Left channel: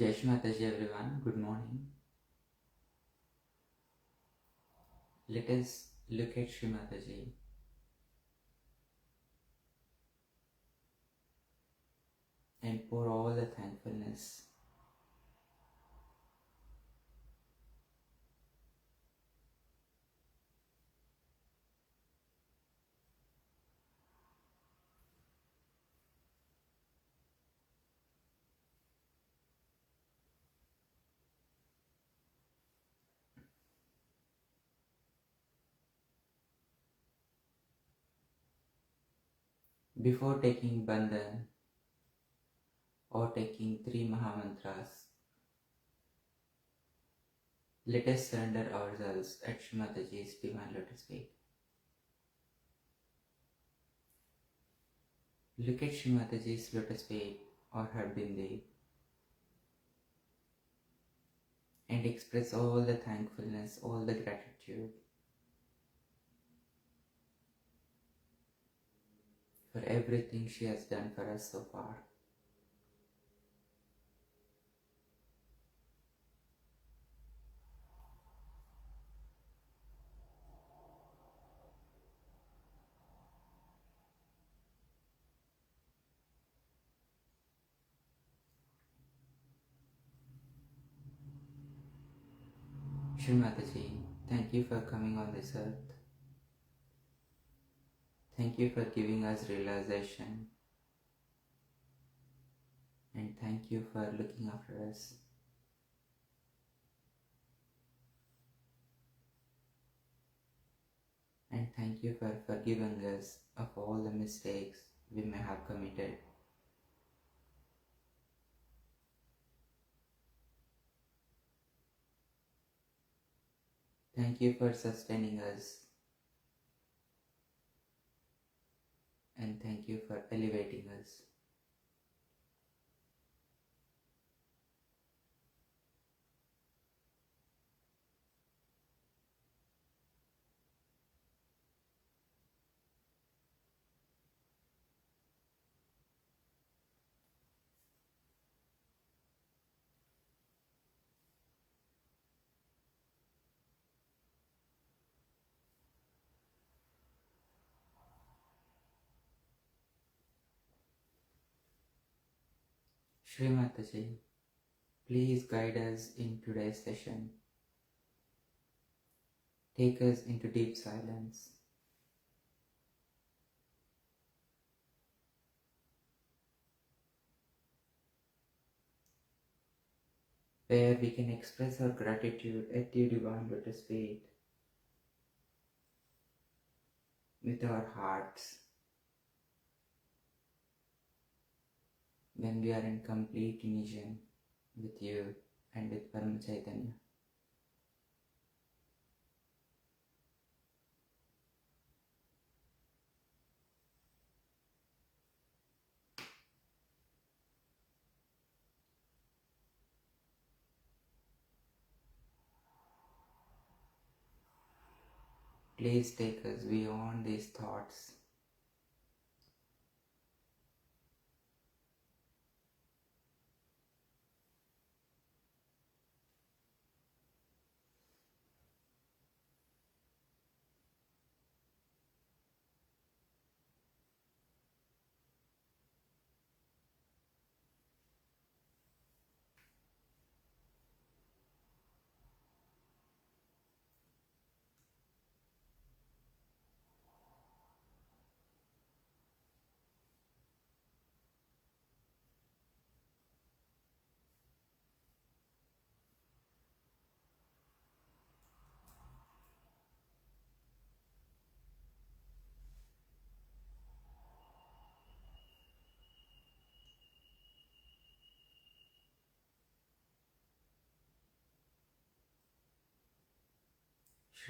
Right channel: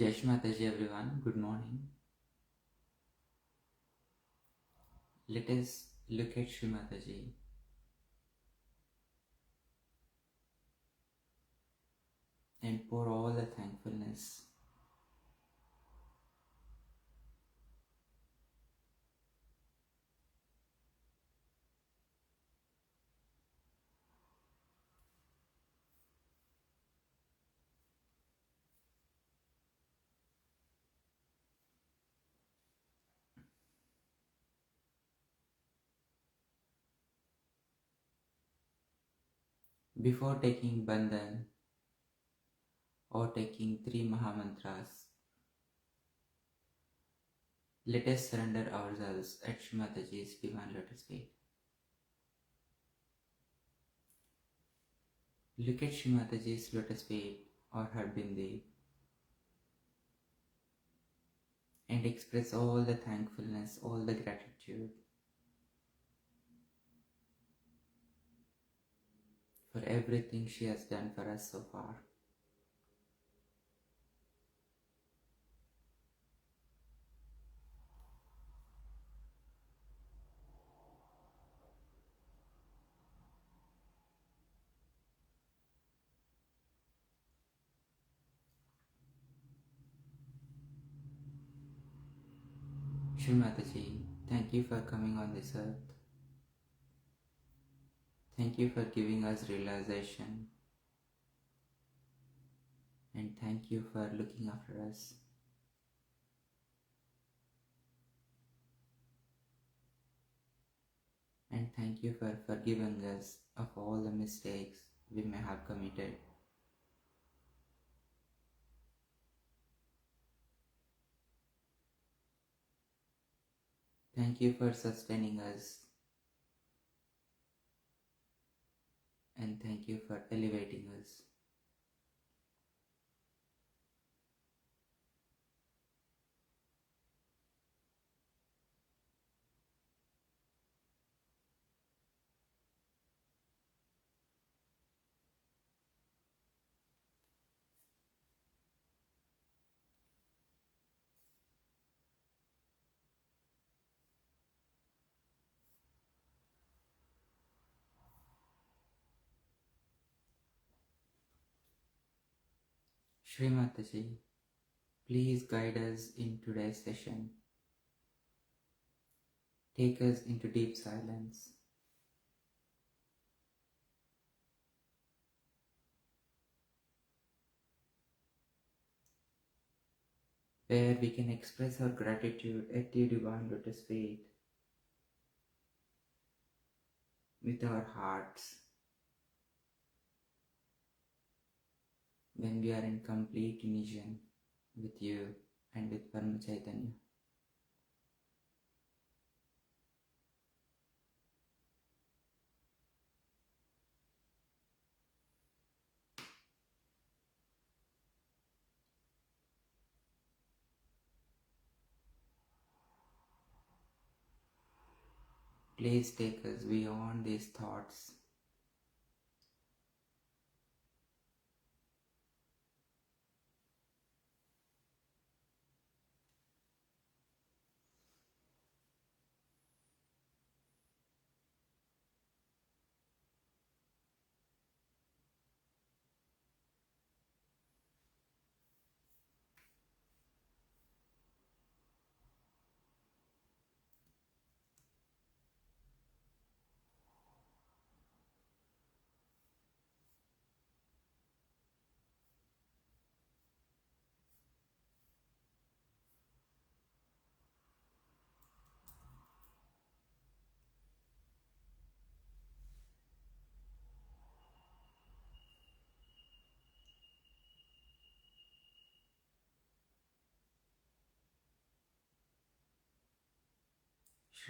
Jai Shri Mataji everyone, good morning. Let us look at Shri Mataji and pour all the thankfulness before taking Bandhan or taking 3 Mahamantras. Let us surrender ourselves at Shri Mataji's divine lotus feet. Look at Shri Mataji's lotus feet or her bindi and express all the thankfulness, all the gratitude for everything she has done for us so far. Shri Mataji, thank you for coming on this earth. Thank you for giving us realization. And thank you for looking after us. And thank you for forgiving us of all the mistakes we may have committed. Thank you for sustaining us. And thank you for elevating us. Shri Mataji, please guide us in today's session. Take us into deep silence. Where we can express our gratitude at your divine lotus feet with our hearts. When we are in complete union with you and with Parama Chaitanya. Please take us beyond these thoughts.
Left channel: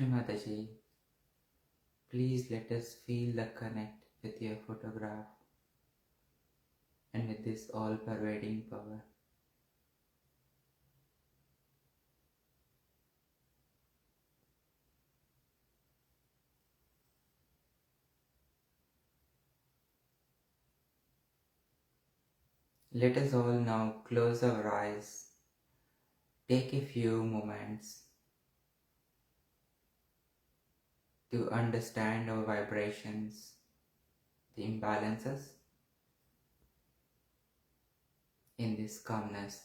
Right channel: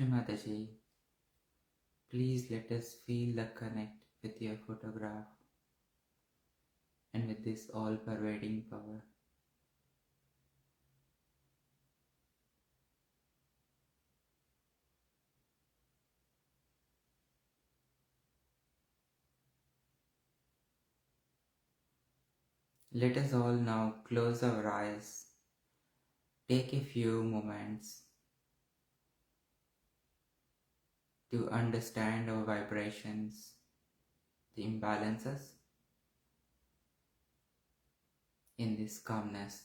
Shri Mataji, please let us feel the connect with your photograph and with this all-pervading power. Let us all now close our eyes Take a few moments to understand our vibrations, the imbalances in this calmness.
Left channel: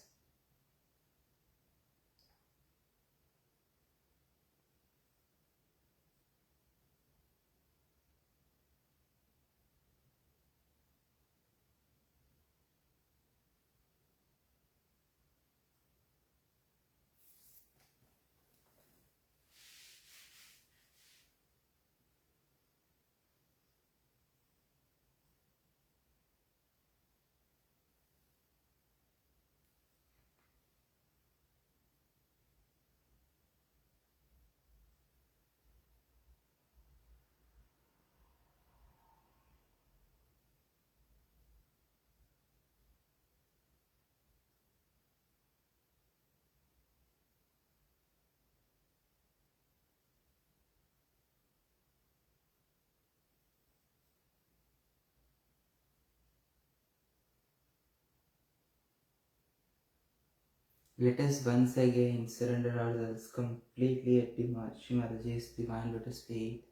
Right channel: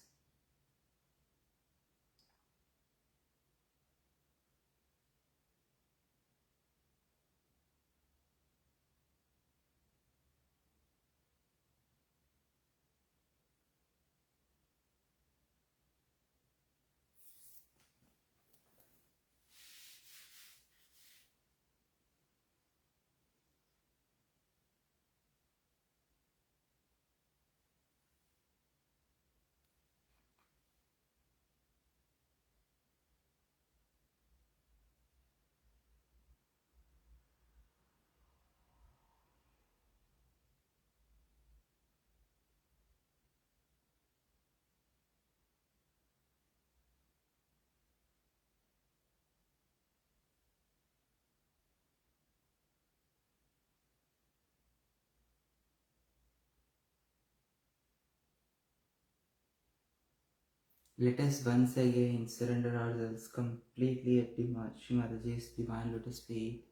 Let us once again surrender ourselves completely at Shri Mataji's divine lotus feet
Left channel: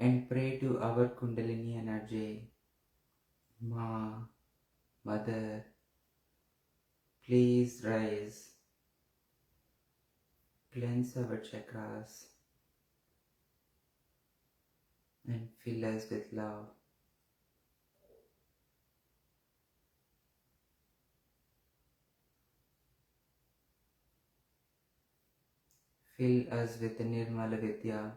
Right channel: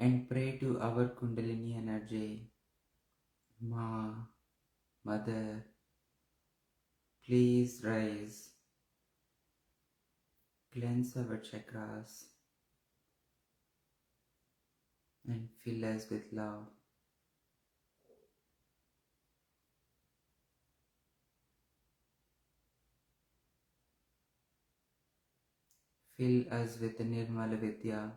and pray to our Kundalini energy. Ma, Mother, please rise, cleanse our chakras and fill us with love. Fill us with Nirmala Vidya.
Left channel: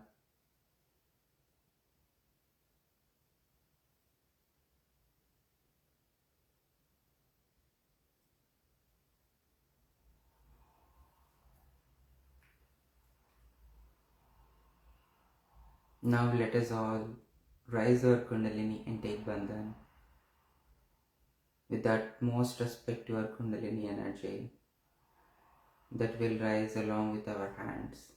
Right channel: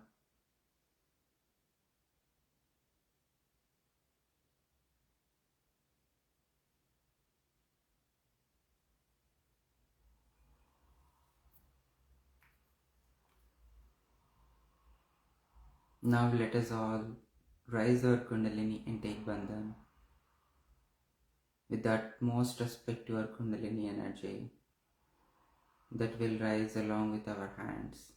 Now let us all rise our Kundalini and take Bandhan with the utmost respect to our Kundalini energy that will rise along with our hands.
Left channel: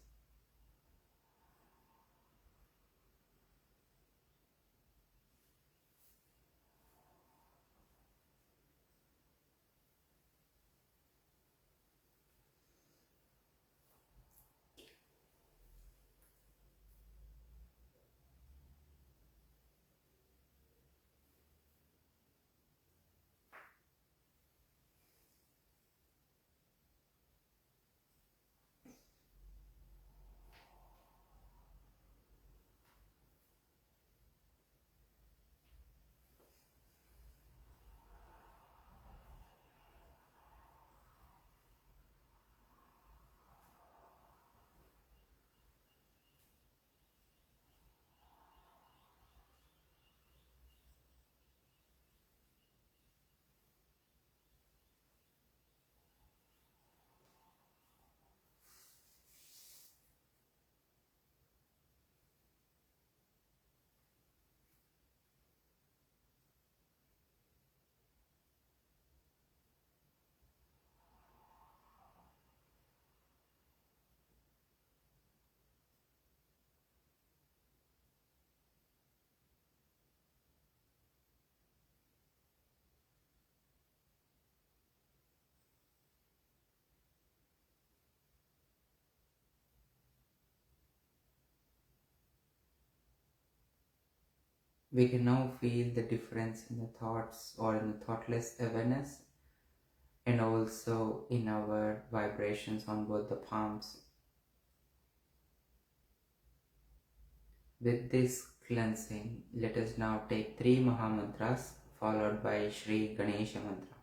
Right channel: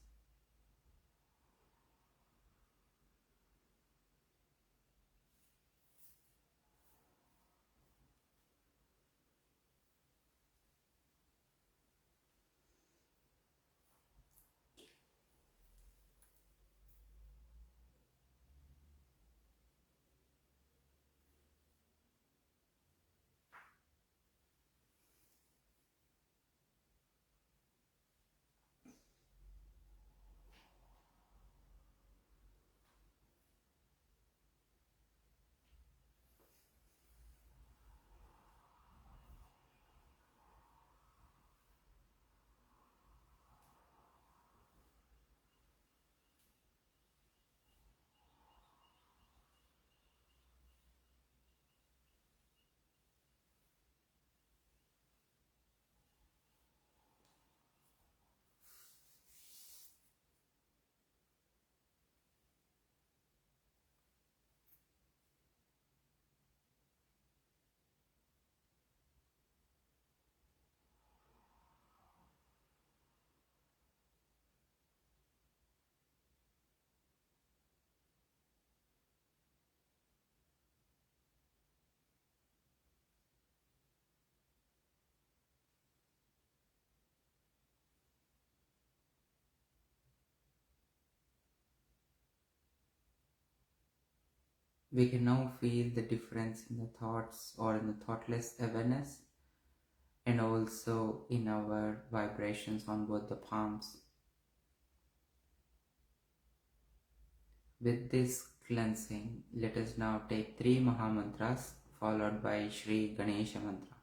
We can now feel the difference in the thoughts or in the thoughtless awareness and also in our vibrations on both the palms. With this cleansing, let us now take 3 Mahamantras followed by Shri Ganesha Mantra.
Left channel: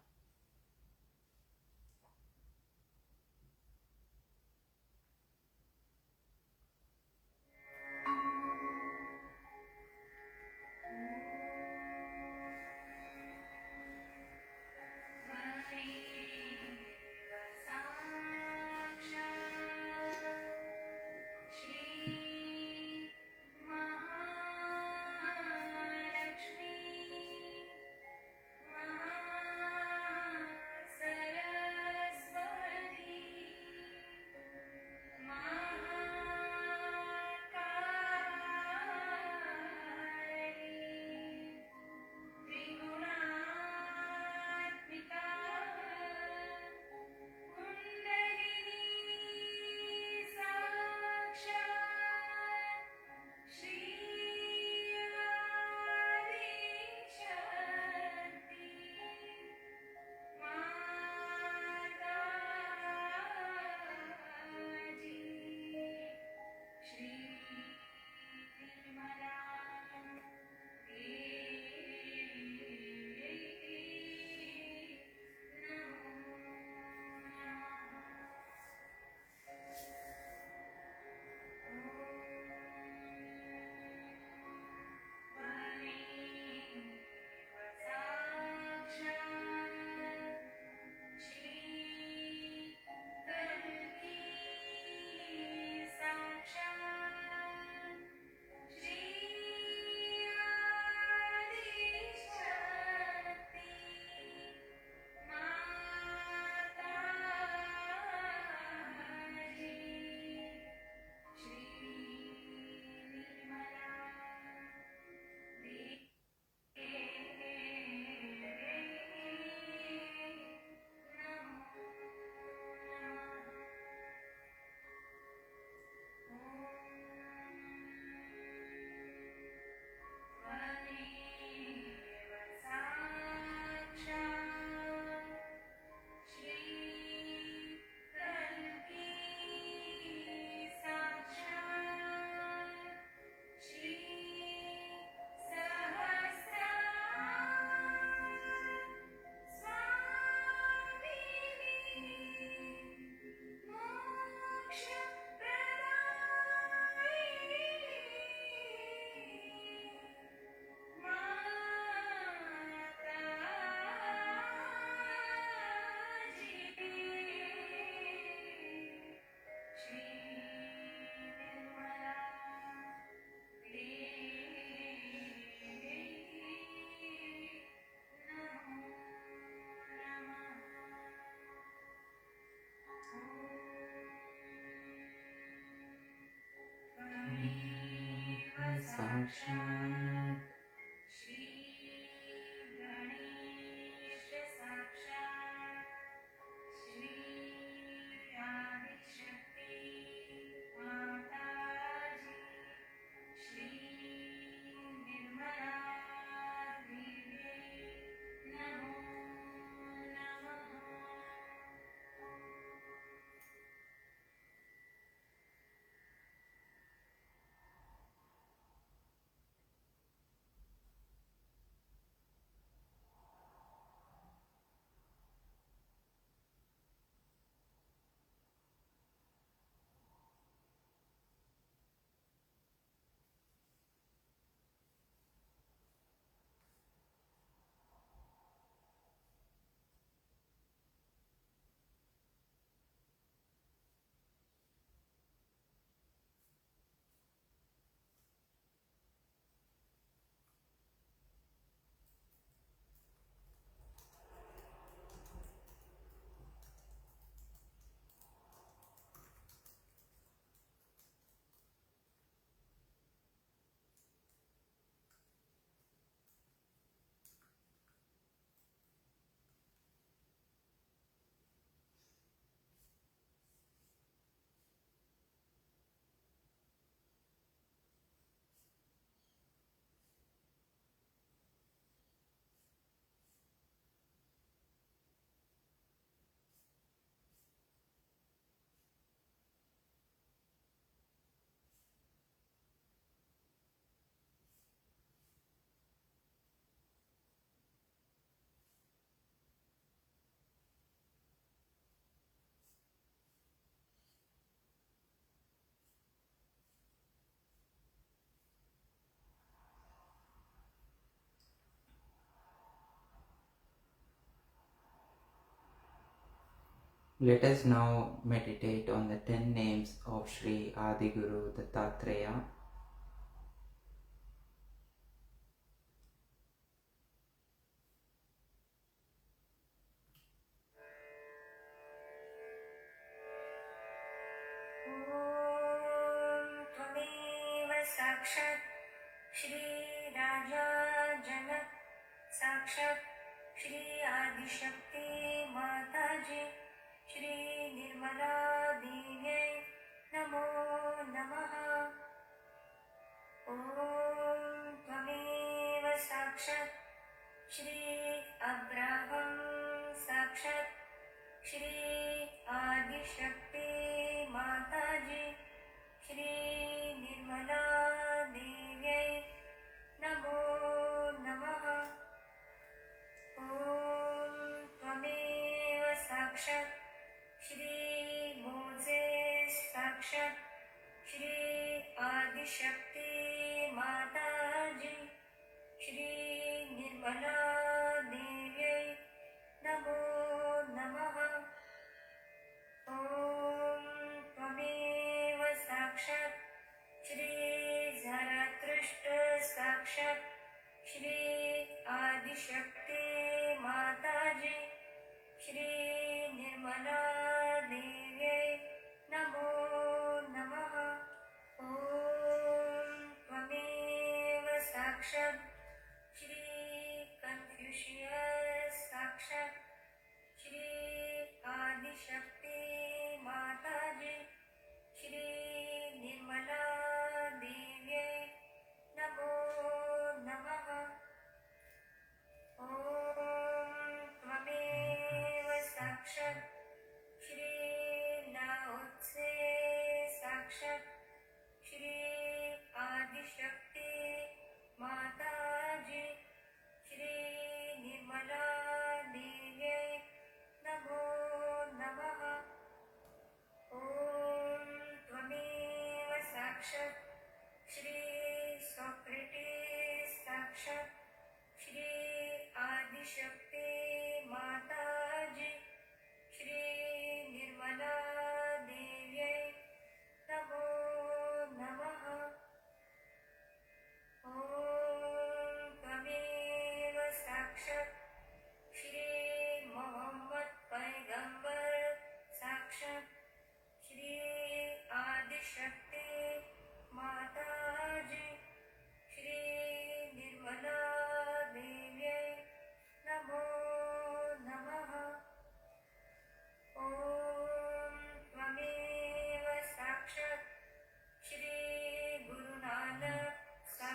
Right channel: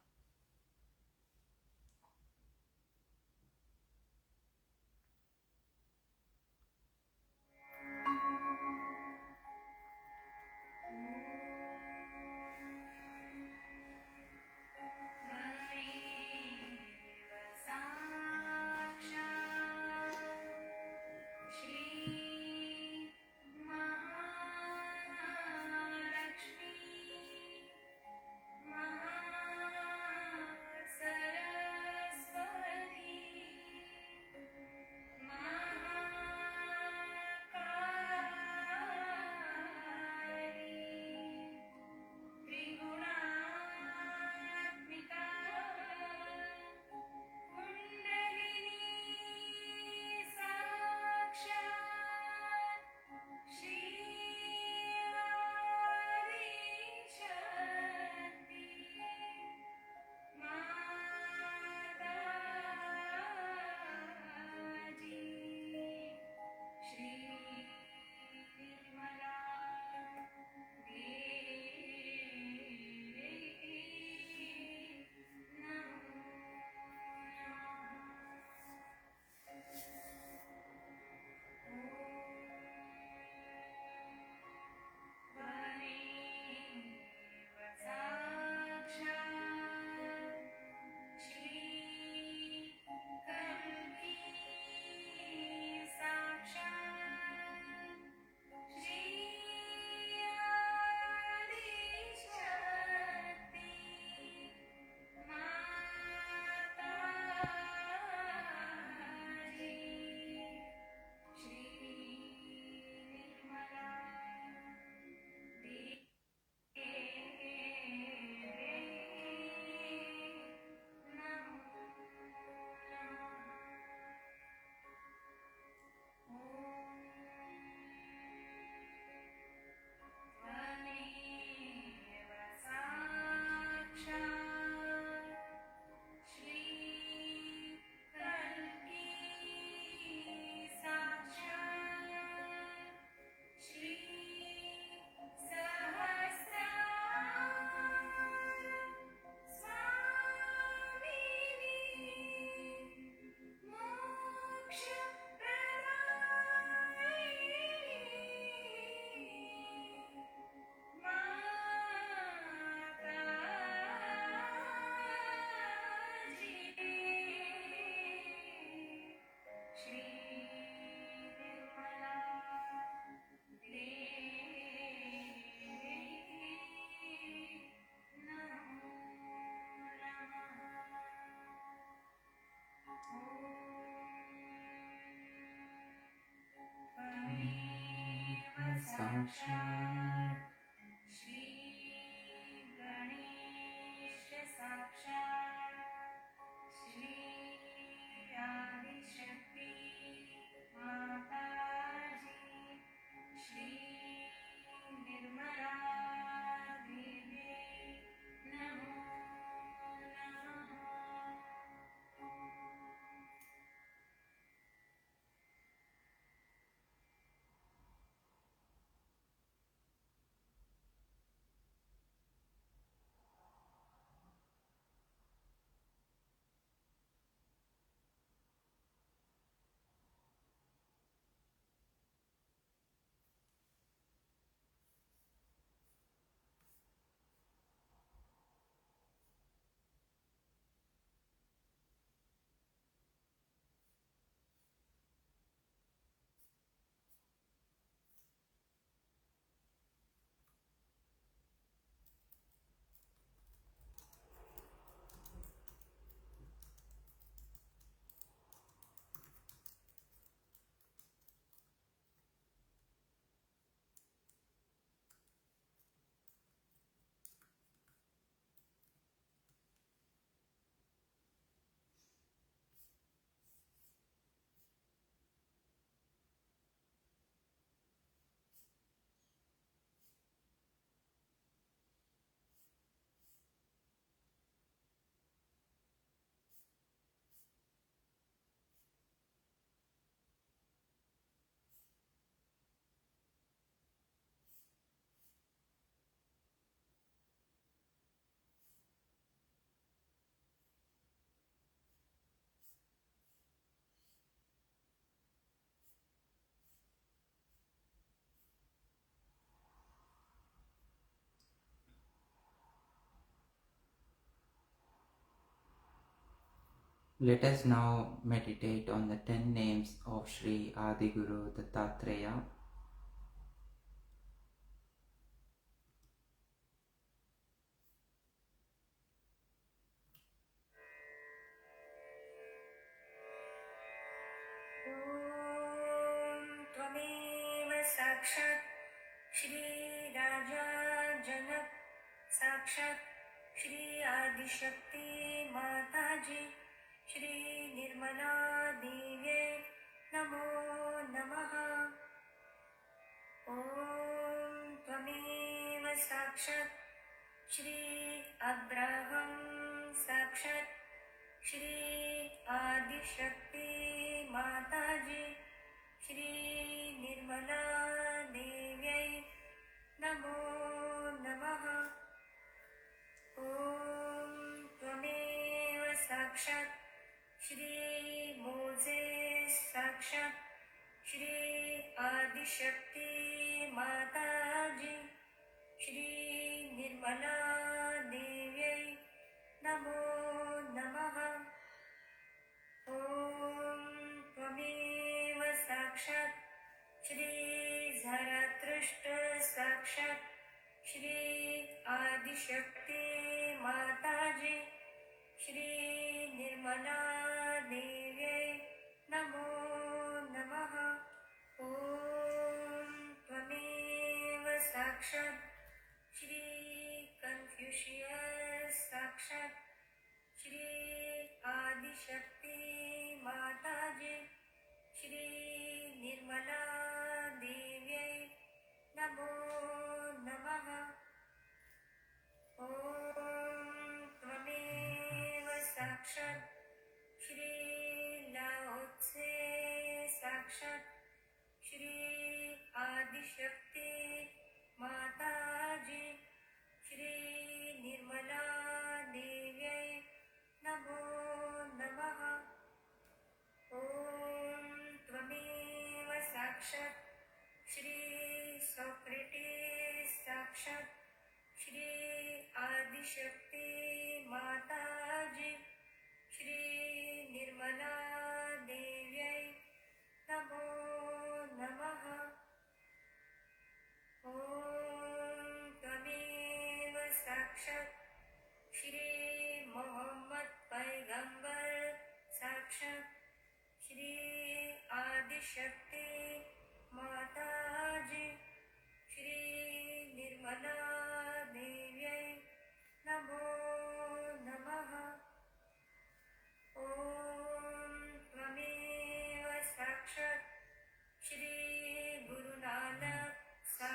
Sahaja. Let us now meditate on the 10 names of Shri Adiguru Dattatreya. साक्षात् श्री राजा जनक साक्षात् श्री आदिशक्ति माताजी श्री निर्मला देव्यै नमो नमः। ॐ त्वमेव साक्षात् श्री अब्राहं साक्षात् श्री आदिशक्ति माताजी श्री निर्मला देव्यै नमो नमः। ॐ त्वमेव साक्षात् श्री मोजेस् साक्षात् श्री आदिशक्ति माताजी श्री निर्मला देव्यै नमो नमः। ॐ त्वमेव साक्षात् श्री झरतृष्ट साक्षात् श्री आदिशक्ति माताजी श्री निर्मला देव्यै नमो नमः। ॐ त्वमेव साक्षात् श्री कन्फ्यूशियस् साक्षात् श्री आदिशक्ति माताजी श्री निर्मला देव्यै नमो नमः। ॐ त्वमेव साक्षात् श्री लाओत्से साक्षात् श्री आदिशक्ति माताजी श्री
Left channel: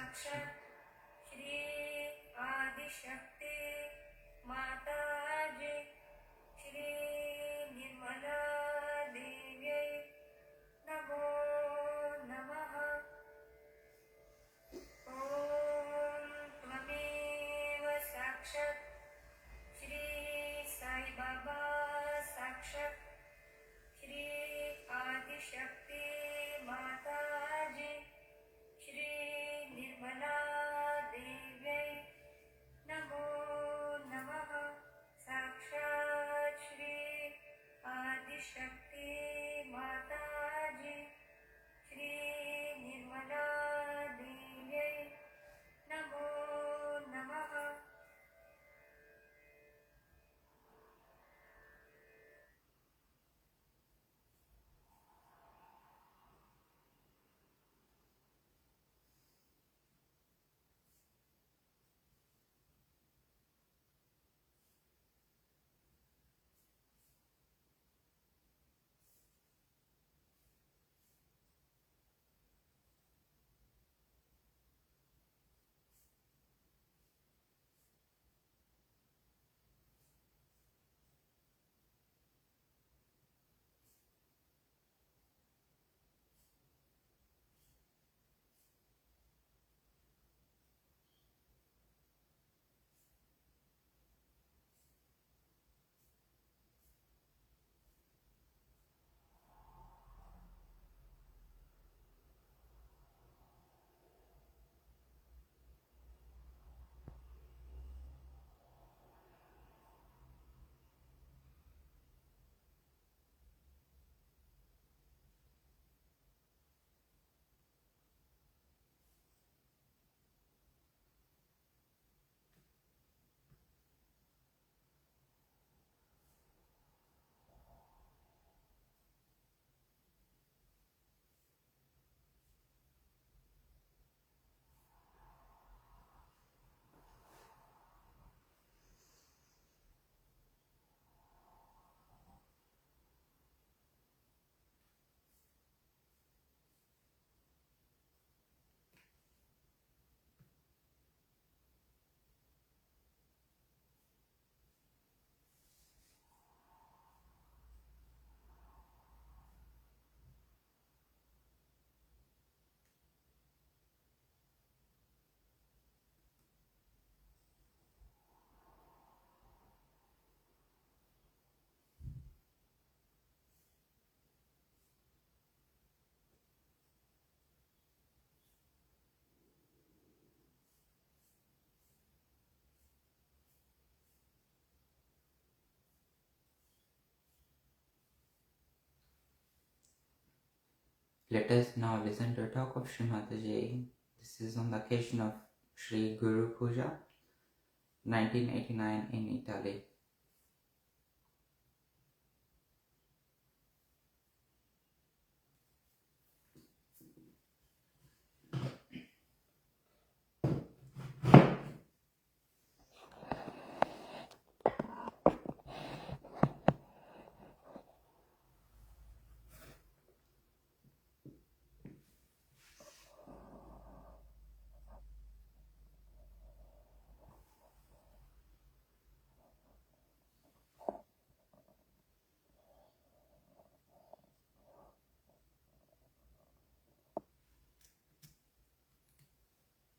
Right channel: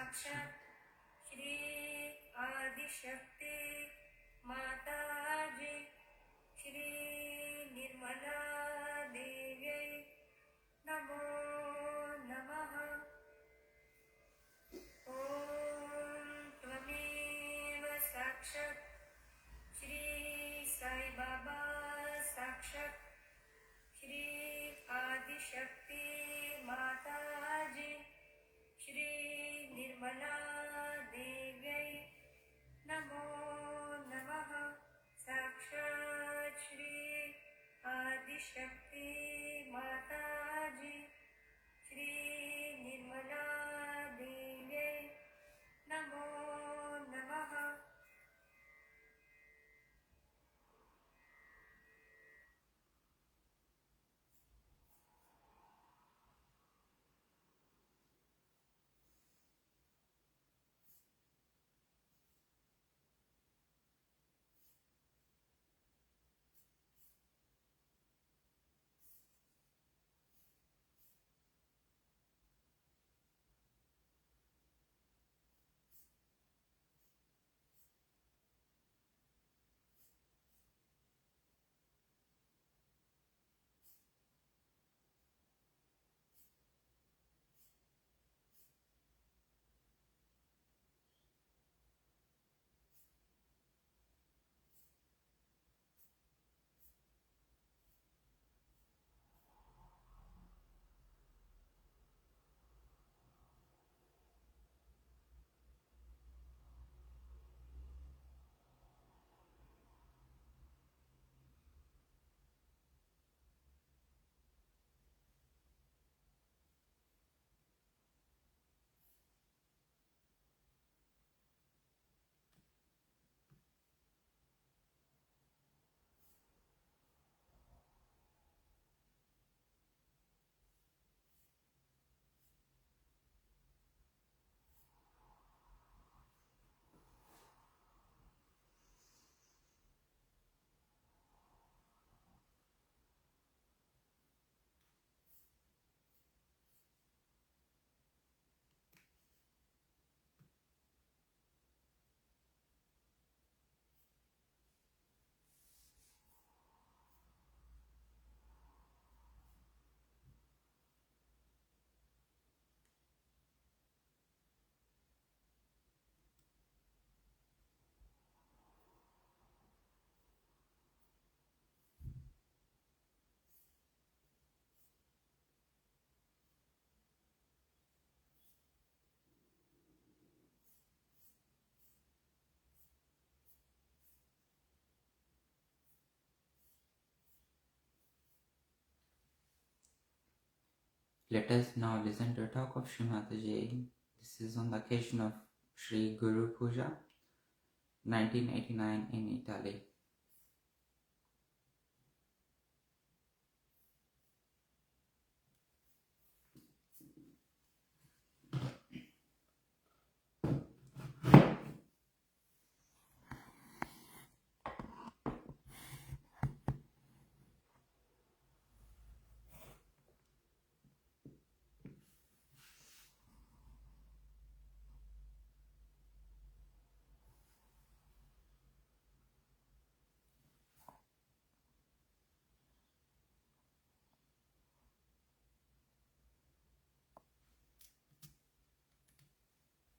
साक्षात् श्री आदिशक्ति माताजी श्री निर्मला देव्यै नमो नमः। ॐ त्वमेव साक्षात् श्री साई बाबा साक्षात् श्री आदिशक्ति माताजी श्री निर्मला देव्यै नमो नमः। साक्षात् श्री आदिशक्ति माताजी श्री निर्मला देव्यै नमो नमः। Let us now listen to a talk of Shri Mataji. This is on the occasion of Shri Guru Puja, 1989 in Italy.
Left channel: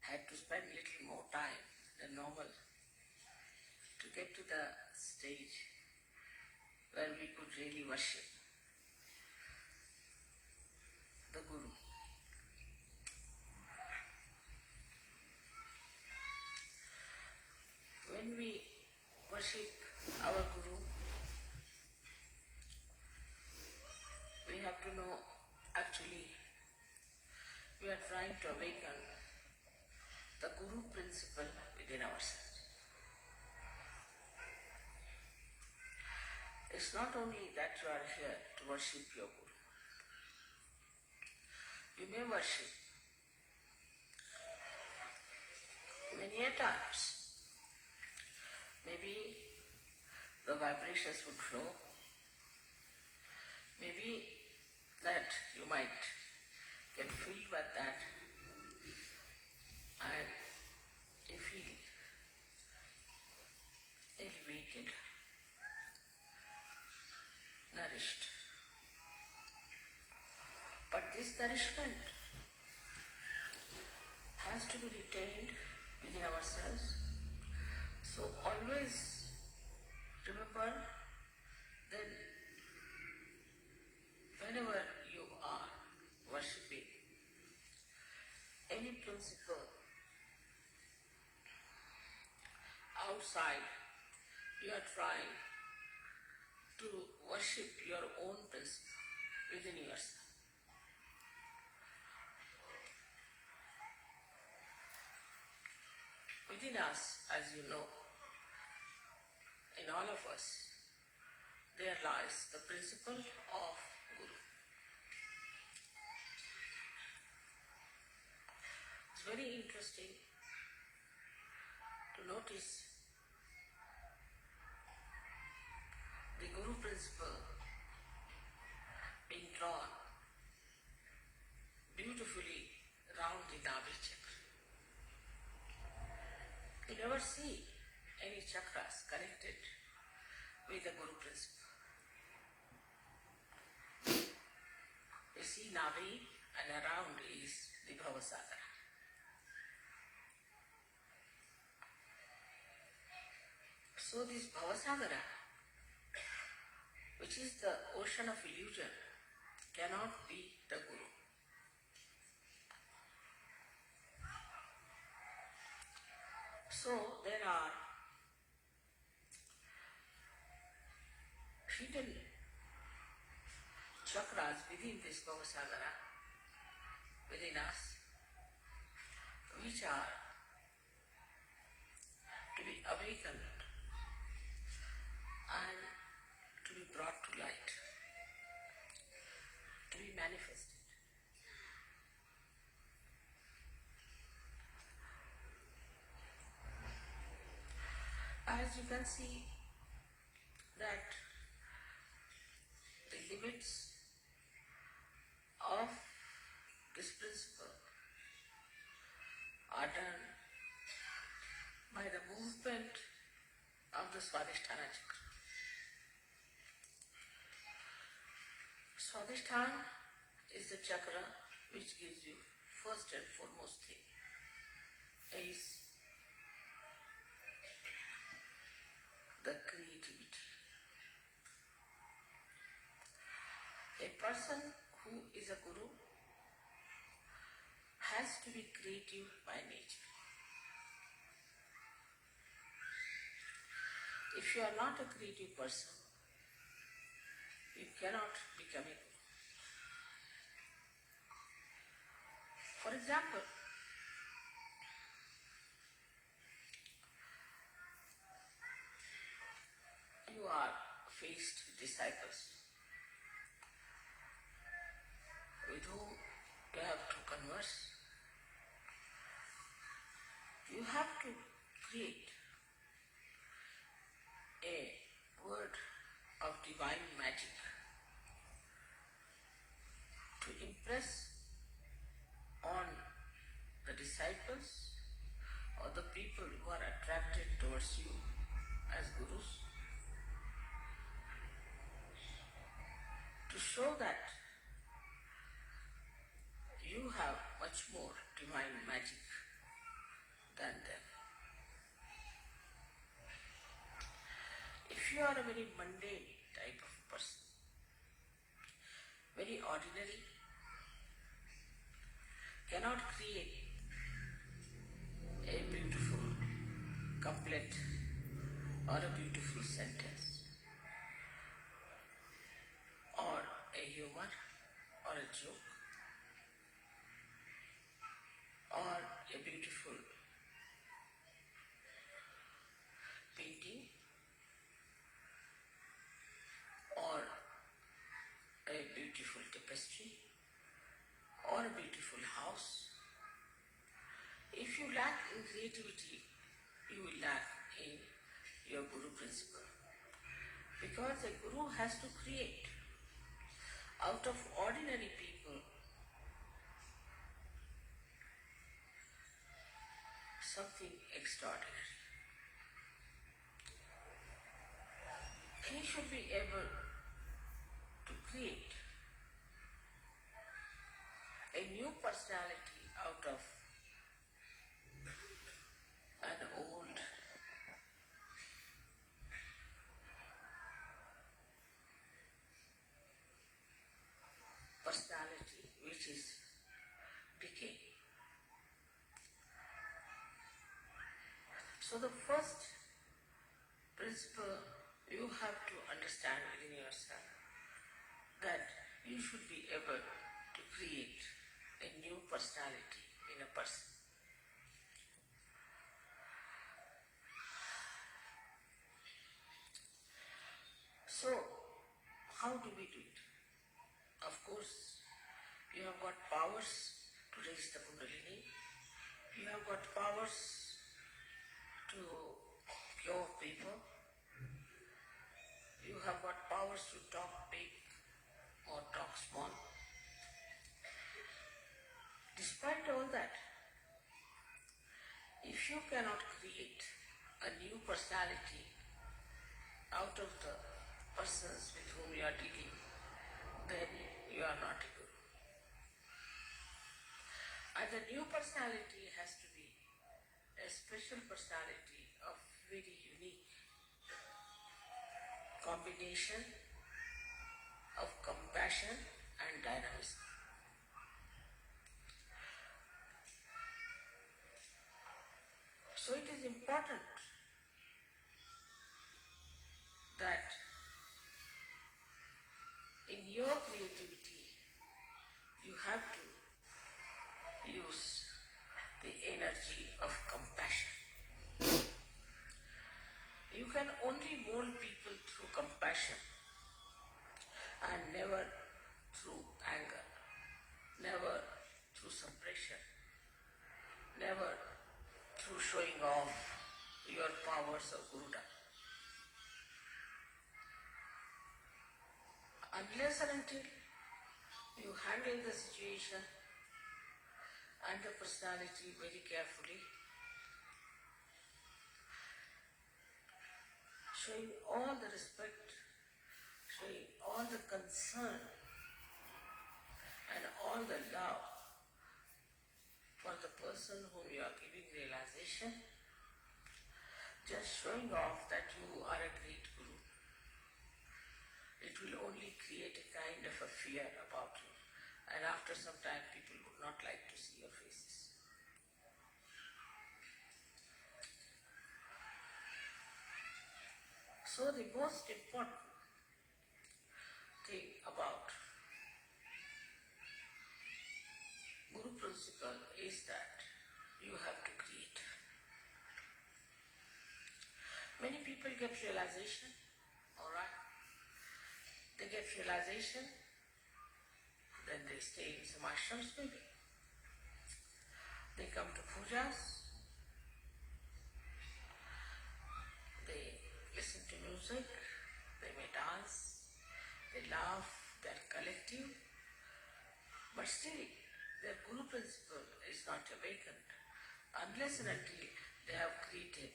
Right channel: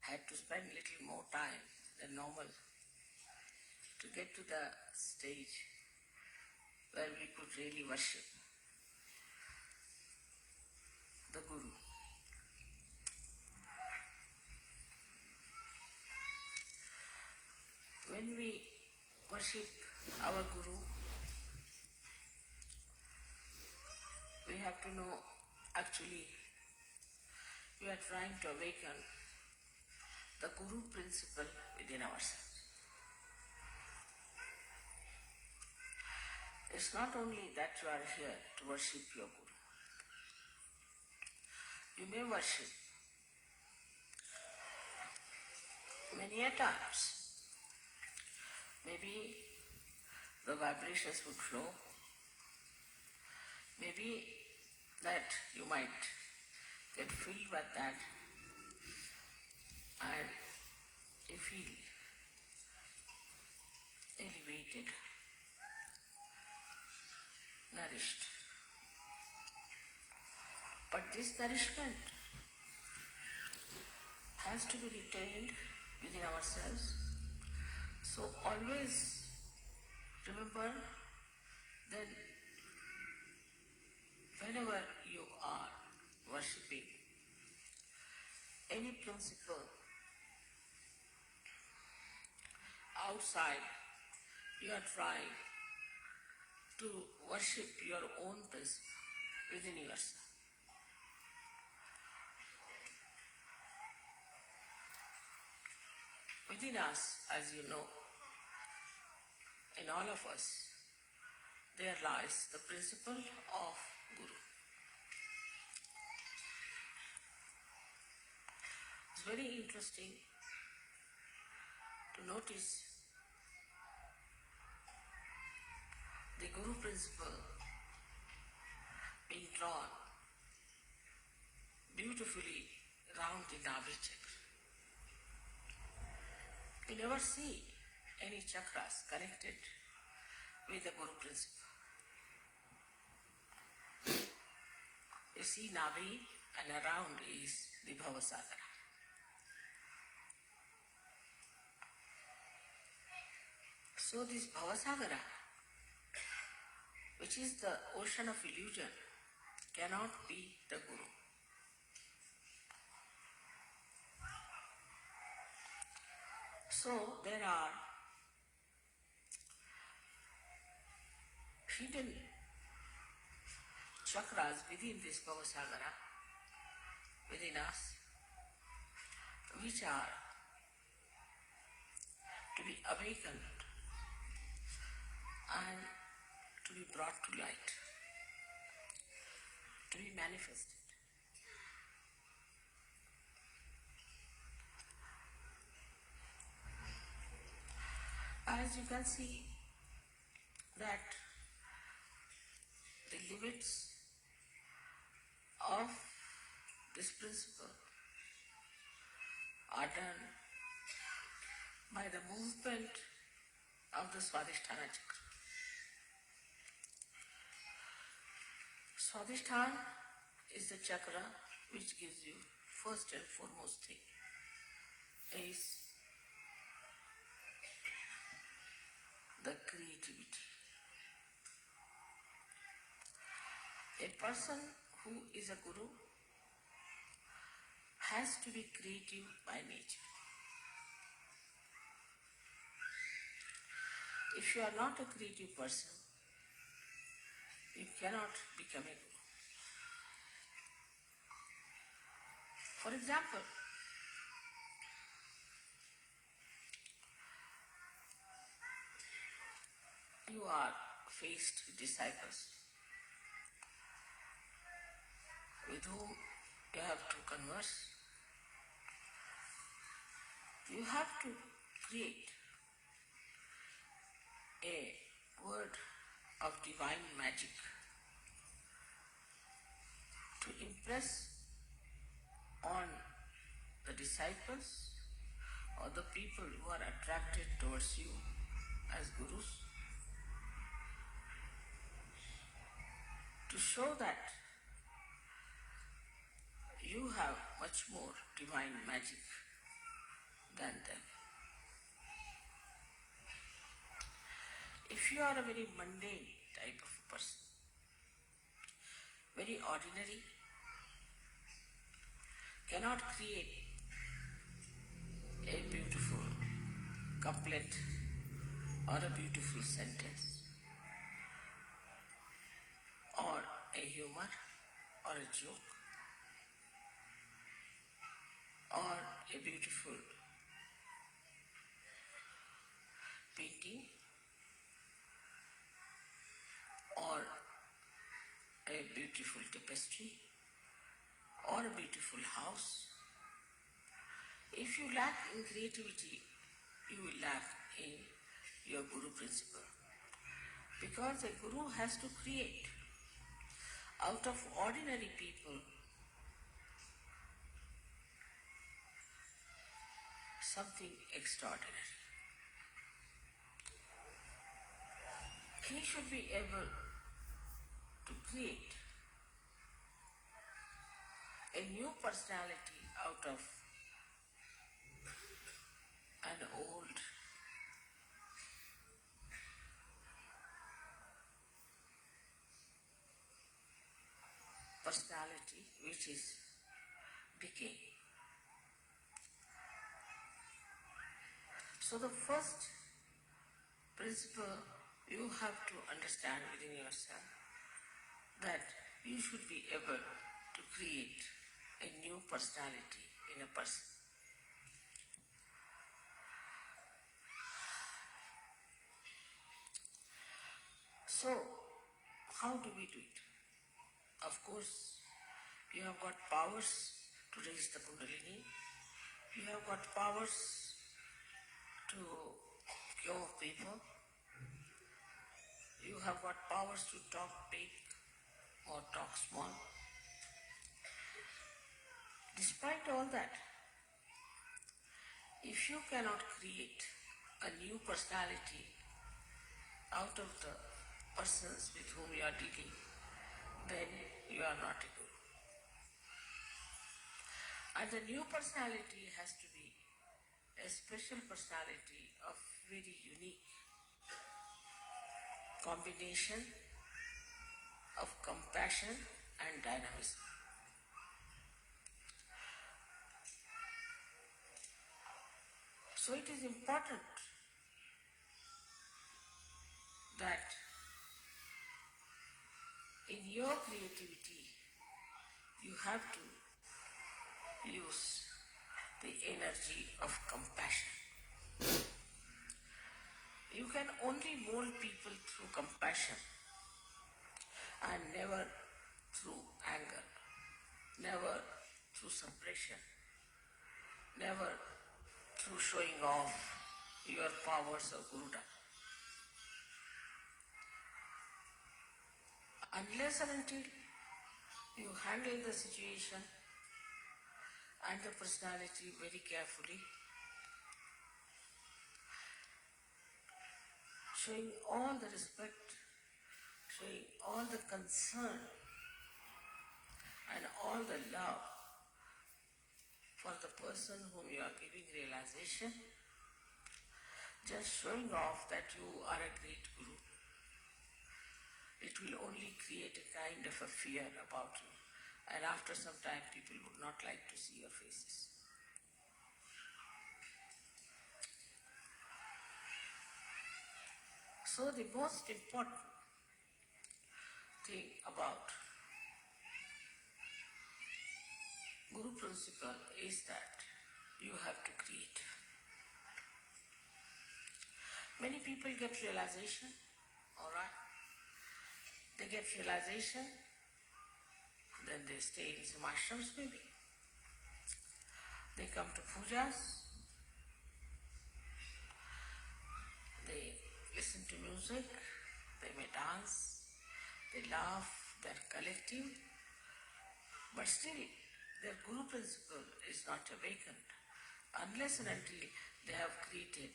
Had to spend a little more time than normal to get to the stage where we could really worship the Guru. When we worship our Guru, we have to know actually we are trying to awaken the Guru principle within ourselves. It's not only that you are here to worship your Guru. You may worship many a times. Maybe the vibrations would flow. Maybe that you might get filled with that created, nourished. But this nourishment has to be retained within ourselves. So always remember that whenever you are worshipping any principle outside, you are trying to worship your own principle within yourself. Within us, as you know, in all of us, there lies the principle of Guru. It's very interesting to notice the Guru principle being drawn beautifully round the Nabhi chakra. You never see any chakras connected with the Guru principle. You see Nabhi and around is the Bhavasagara. So this Bhavasagara, which is the ocean of illusion, cannot be the Guru. So there are hidden chakras within this Bhavasagara, within us, which are to be awakened and to be brought to light, to be manifested. As you can see that the limits of this principle are done by the movement of the Swadhisthana chakra. Swadhisthana is the chakra which gives you first and foremost thing is the creativity. A person who is a guru has to be creative by nature. If you are not a creative person, you cannot become a guru. For example, you are faced with disciples with whom you have to converse. You have to create a word of divine magic to impress on the disciples or the people who are attracted towards you as gurus, to show that you have much more divine magic than them. If you are a very mundane type of a person, very ordinary, cannot create a beautiful couplet or a beautiful sentence or a humor or a joke or a beautiful painting or a beautiful tapestry or a beautiful house. If you lack in creativity, you will lack in your Guru principle. Because a Guru has to create out of ordinary people something extraordinary. he should be able to create a new personality out of an old personality which is decaying. So the first principle you have to understand within yourself that you should be able to create a new personality in a person. So, how do we do it? Of course, you have got powers to raise the Kundalini. You have got powers to cure people. You have got powers to talk big or talk small. Despite all that, if you cannot create a new personality out of the persons with whom you are dealing, then you are not a guru. And the new personality has to be a special personality of very unique combination of compassion and dynamism. So it is important that in your creativity you have to use the energy of compassion. You can only mold people through compassion and never through anger, never through suppression, never through showing off your powers of Guruda. Unless and until you handle the situation and the personality very carefully, showing all the respect, showing all the concern and all the love for the person whom you are giving realization, just showing off that you are a great guru, it will only create a kind of a fear about you. And after some time, people would not like to see your faces. So the most important thing about Guru principle is that you have to create. Many people get realization, alright? They get realization, then they stay in some ashrams maybe. They come to pujas, they listen to music, they may dance, they laugh, they're collective, but still their Guru principle is not awakened unless and until they have created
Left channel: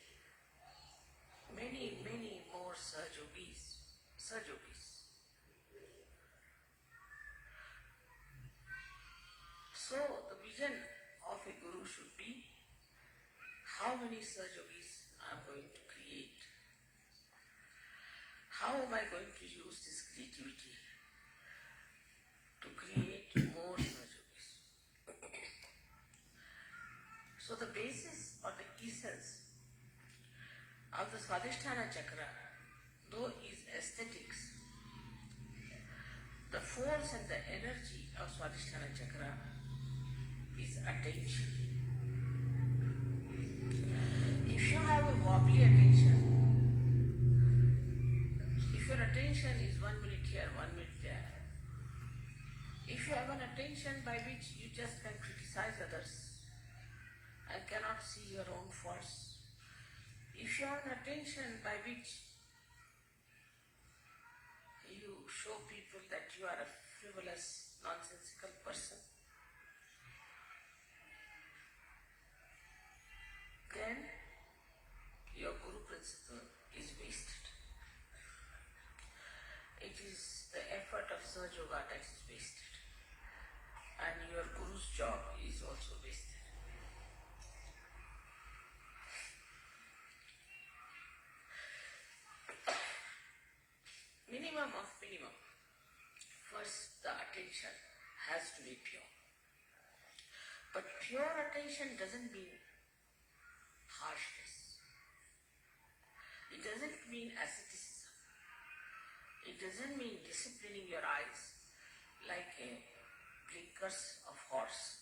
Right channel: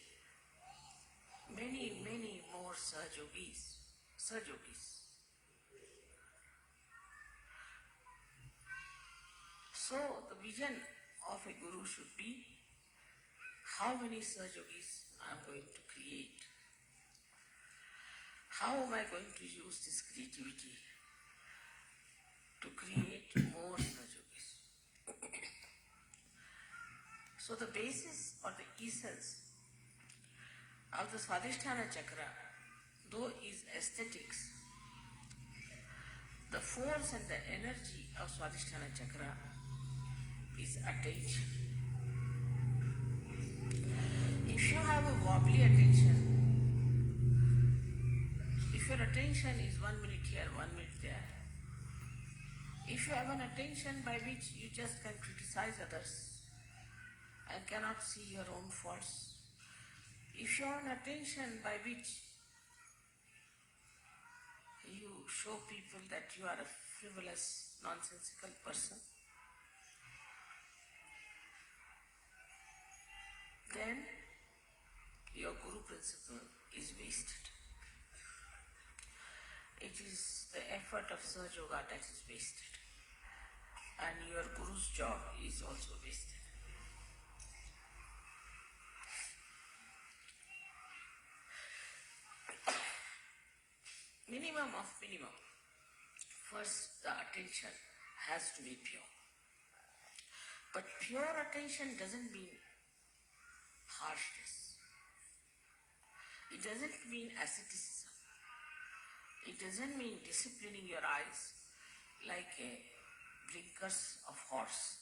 many, many more Sahajogis. So the vision of a Guru should be how many Sahajogis I am going to create. How am I going to use this creativity to create more Sahajogis? So the basis or the essence of the Swadhisthana Chakra, though is aesthetics, the force and the energy of Swadhisthana Chakra is attention. If you have a wobbly attention, if your attention is 1 minute here, 1 minute there, if you have an attention by which you just can criticize others and cannot see your own faults, if you have an attention by which you show people that you are a frivolous, nonsensical person, then your Guru principle is wasted. the effort of Sahaja that is wasted. And your Guru's job is also wasted. Minimum of minimum. First, the attention has to be pure. But pure attention doesn't mean harshness. It doesn't mean asceticism. It doesn't mean disciplining your eyes like a blinkers of horse.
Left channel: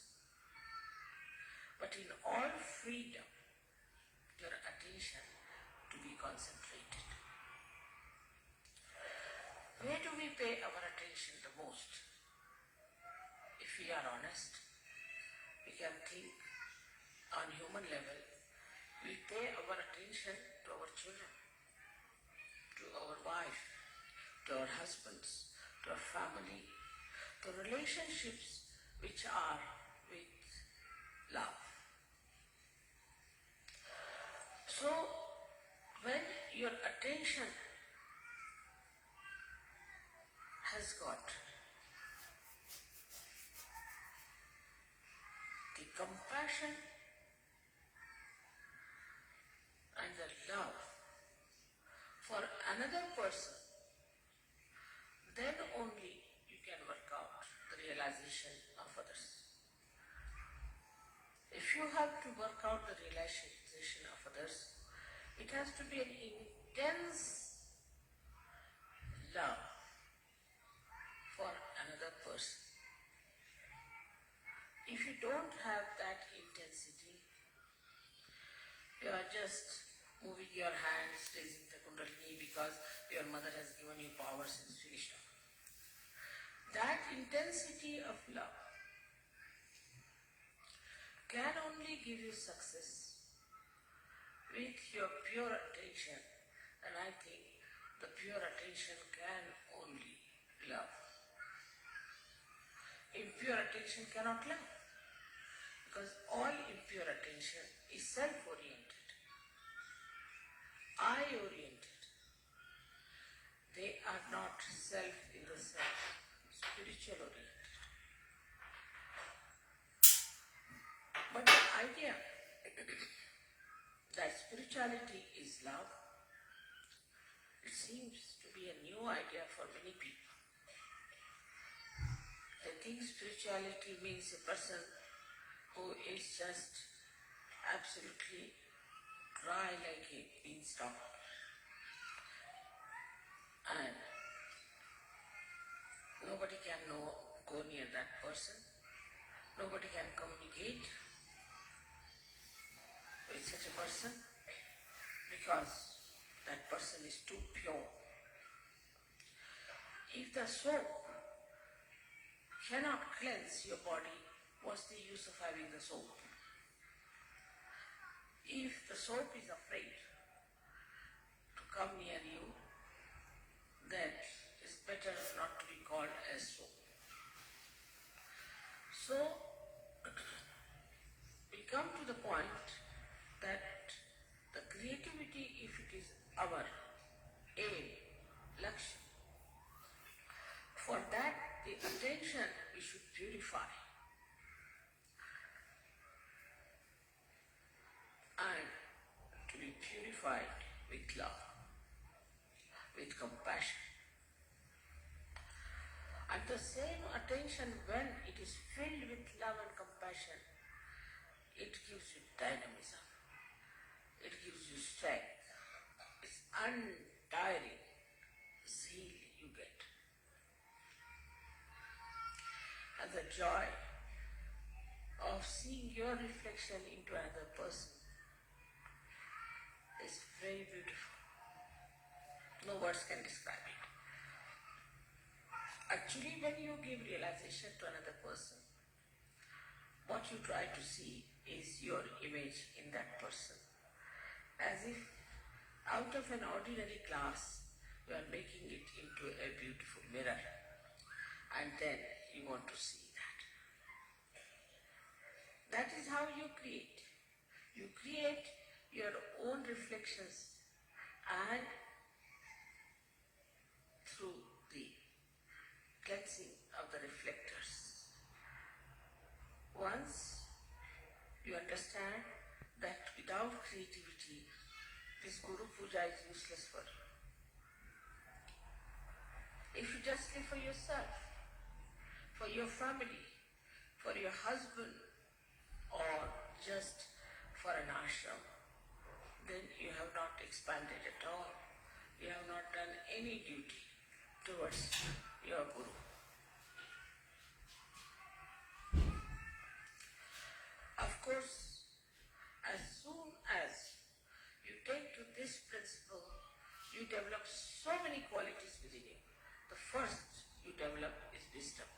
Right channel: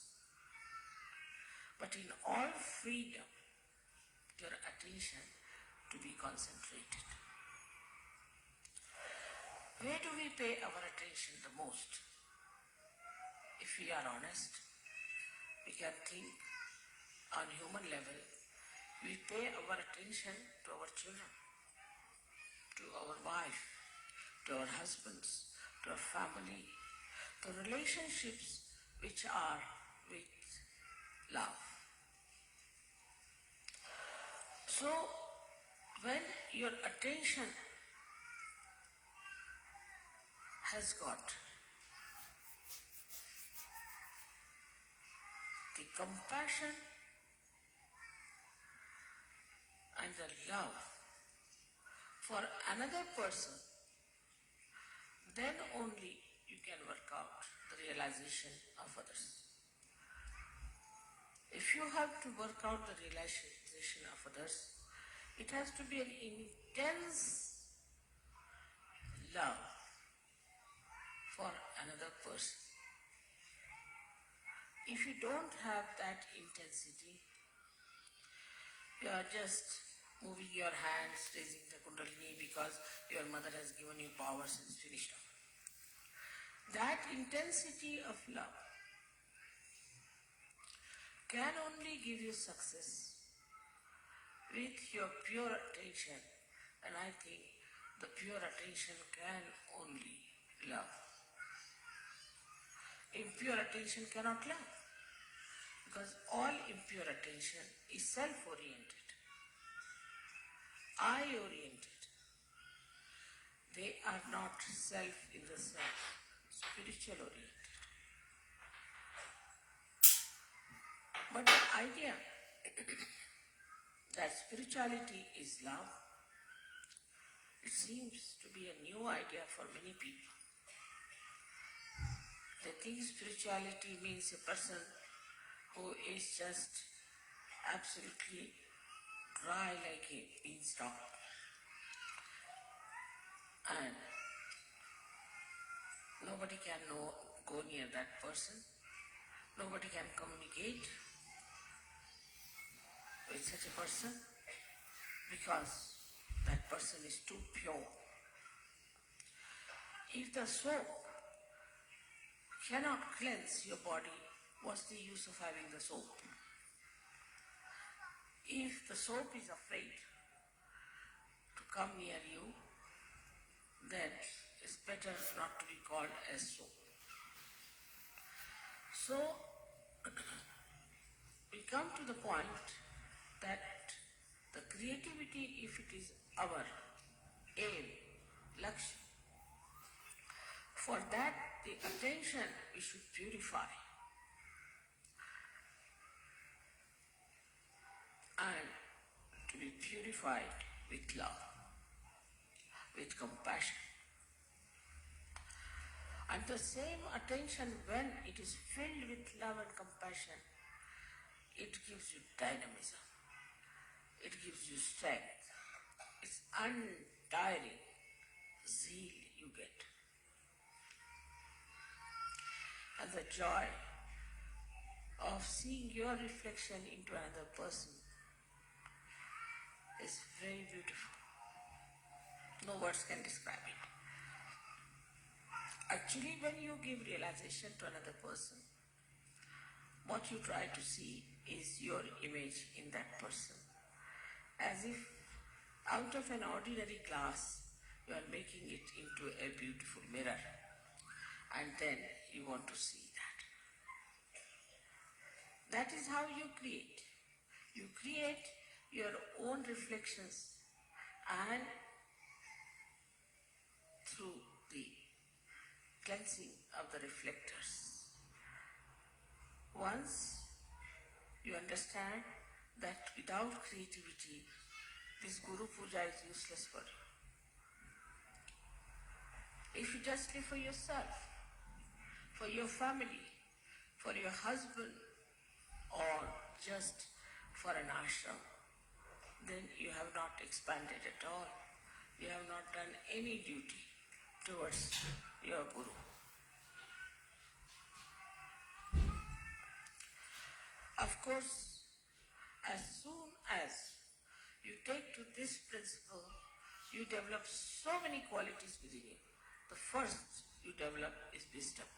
But in all freedom, your attention to be concentrated. Where do we pay our attention the most? If we are honest, we can think on human level, we pay our attention to our children, to our wife, to our husbands, to our family, to relationships which are with love. So, when your attention has got the compassion and the love for another person, then only you can work out the realization of others. If you have to work out the realization of others, it has to be an intense love for another person. If you don't have that intensity, you are just moving your hands, raising the kundalini because your mother has given you power since finished. That intensity of love can only give you success with your pure attention, and I think the pure attention can only love. Impure attention cannot love, because all impure attention is self-oriented, I-oriented. They are not self in the self, spiritual oriented. But the idea that spirituality is love, it seems to be a new idea for many people. They think spirituality means a person who is just absolutely dry like a beanstalk and nobody can go near that person, nobody can communicate with such a person because that person is too pure. If the soap cannot cleanse your body, what's the use of having the soap? If the soap is afraid to come near you, then it's better not to be called as soap. So, we come to the point that the creativity, if it is our aim, lakshya, for that the intention we should purify. And to be purified with love, with compassion. And the same attention, when it is filled with love and compassion, it gives you dynamism, it gives you strength, it's untiring zeal you get. And the joy of seeing your reflection into another person is very beautiful. No words can describe it. Actually, when you give realization to another person, what you try to see is your image in that person. As if out of an ordinary glass, you are making it into a beautiful mirror. And then you want to see that. That is how you create. You create your own reflections, and through the cleansing of the reflectors. Once you understand that without creativity, this Guru Puja is useless for you. If you just live for yourself, for your family, for your husband, or just for an ashram, then you have not expanded at all. You have not done any duty towards your Guru. Of course, as soon as you take to this principle, you develop so many qualities within you. The first you develop is wisdom.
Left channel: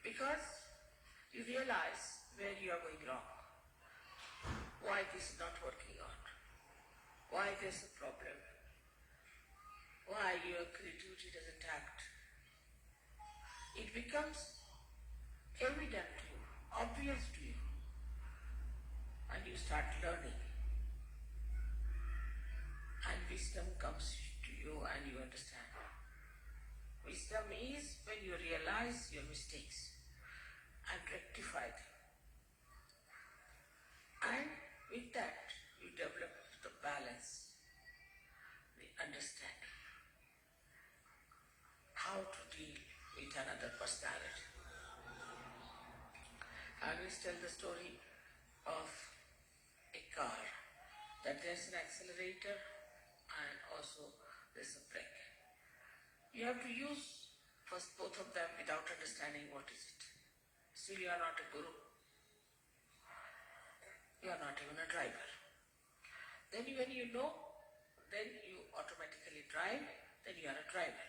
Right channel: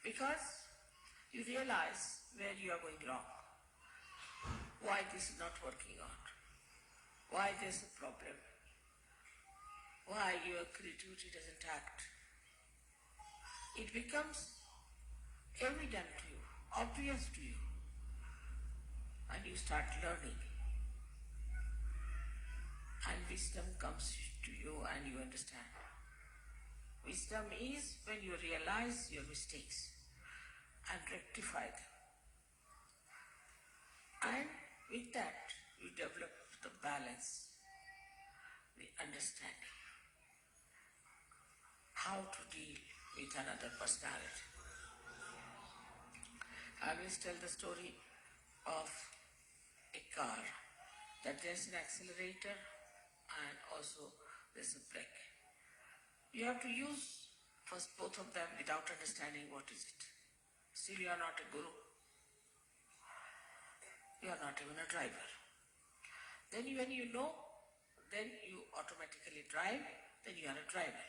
Because you realize where you are going wrong, why this is not working out, why there's a problem, why your creativity doesn't act. It becomes evident to you, obvious to you, and you start learning. And wisdom comes to you and you understand. Wisdom is when you realize your mistakes and rectify them. And with that, you develop the balance, the understanding, how to deal with another personality. I always tell the story of a car, that there's an accelerator and also there's a brake. You have to use first both of them without understanding what is it. Still you are not a guru. You are not even a driver. Then when you know, then you automatically drive, then you are a driver.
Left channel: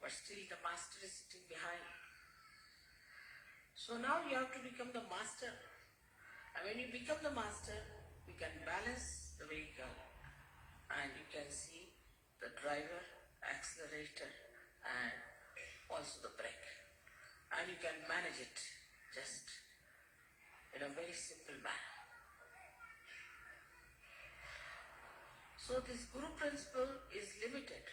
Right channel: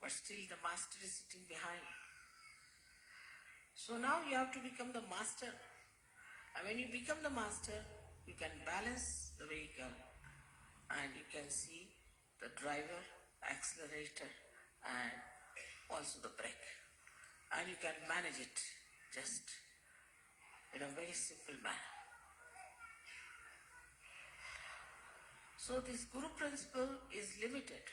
But still the master is sitting behind. So now you have to become the master. And when you become the master, you can balance the vehicle and you can see the driver, accelerator and also the brake. And you can manage it just in a very simple manner. So this Guru principle is limited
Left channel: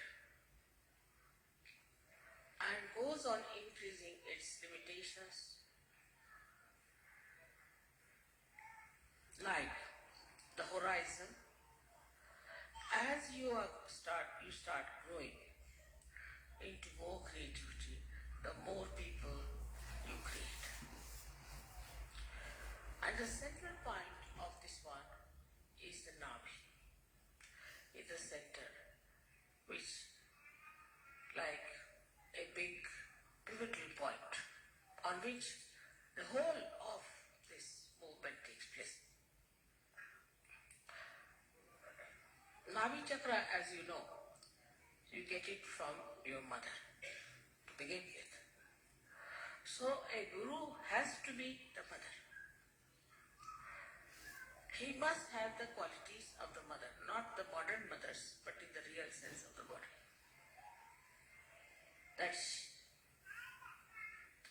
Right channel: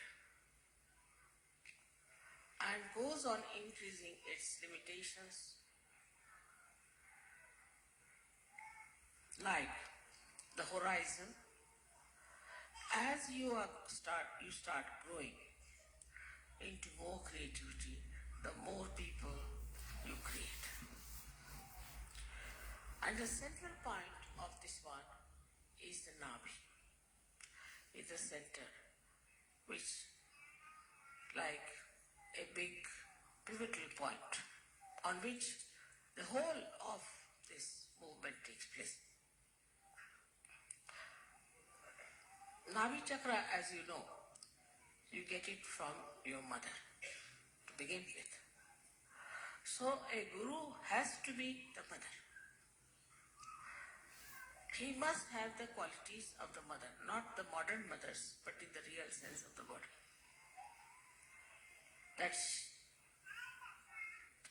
and goes on increasing its limitations, like the horizon. As you start growing into more creativity, the more people you create. And the central point of this one is the Navi. It's the center, which like a big pivotal point on which the whole of this movement takes place. Navi chakra, as you know, you get it from your mother to begin with. So a guru has to be the mother. He must have the qualities of the mother, not the modern mothers, but in the real sense of the word. That's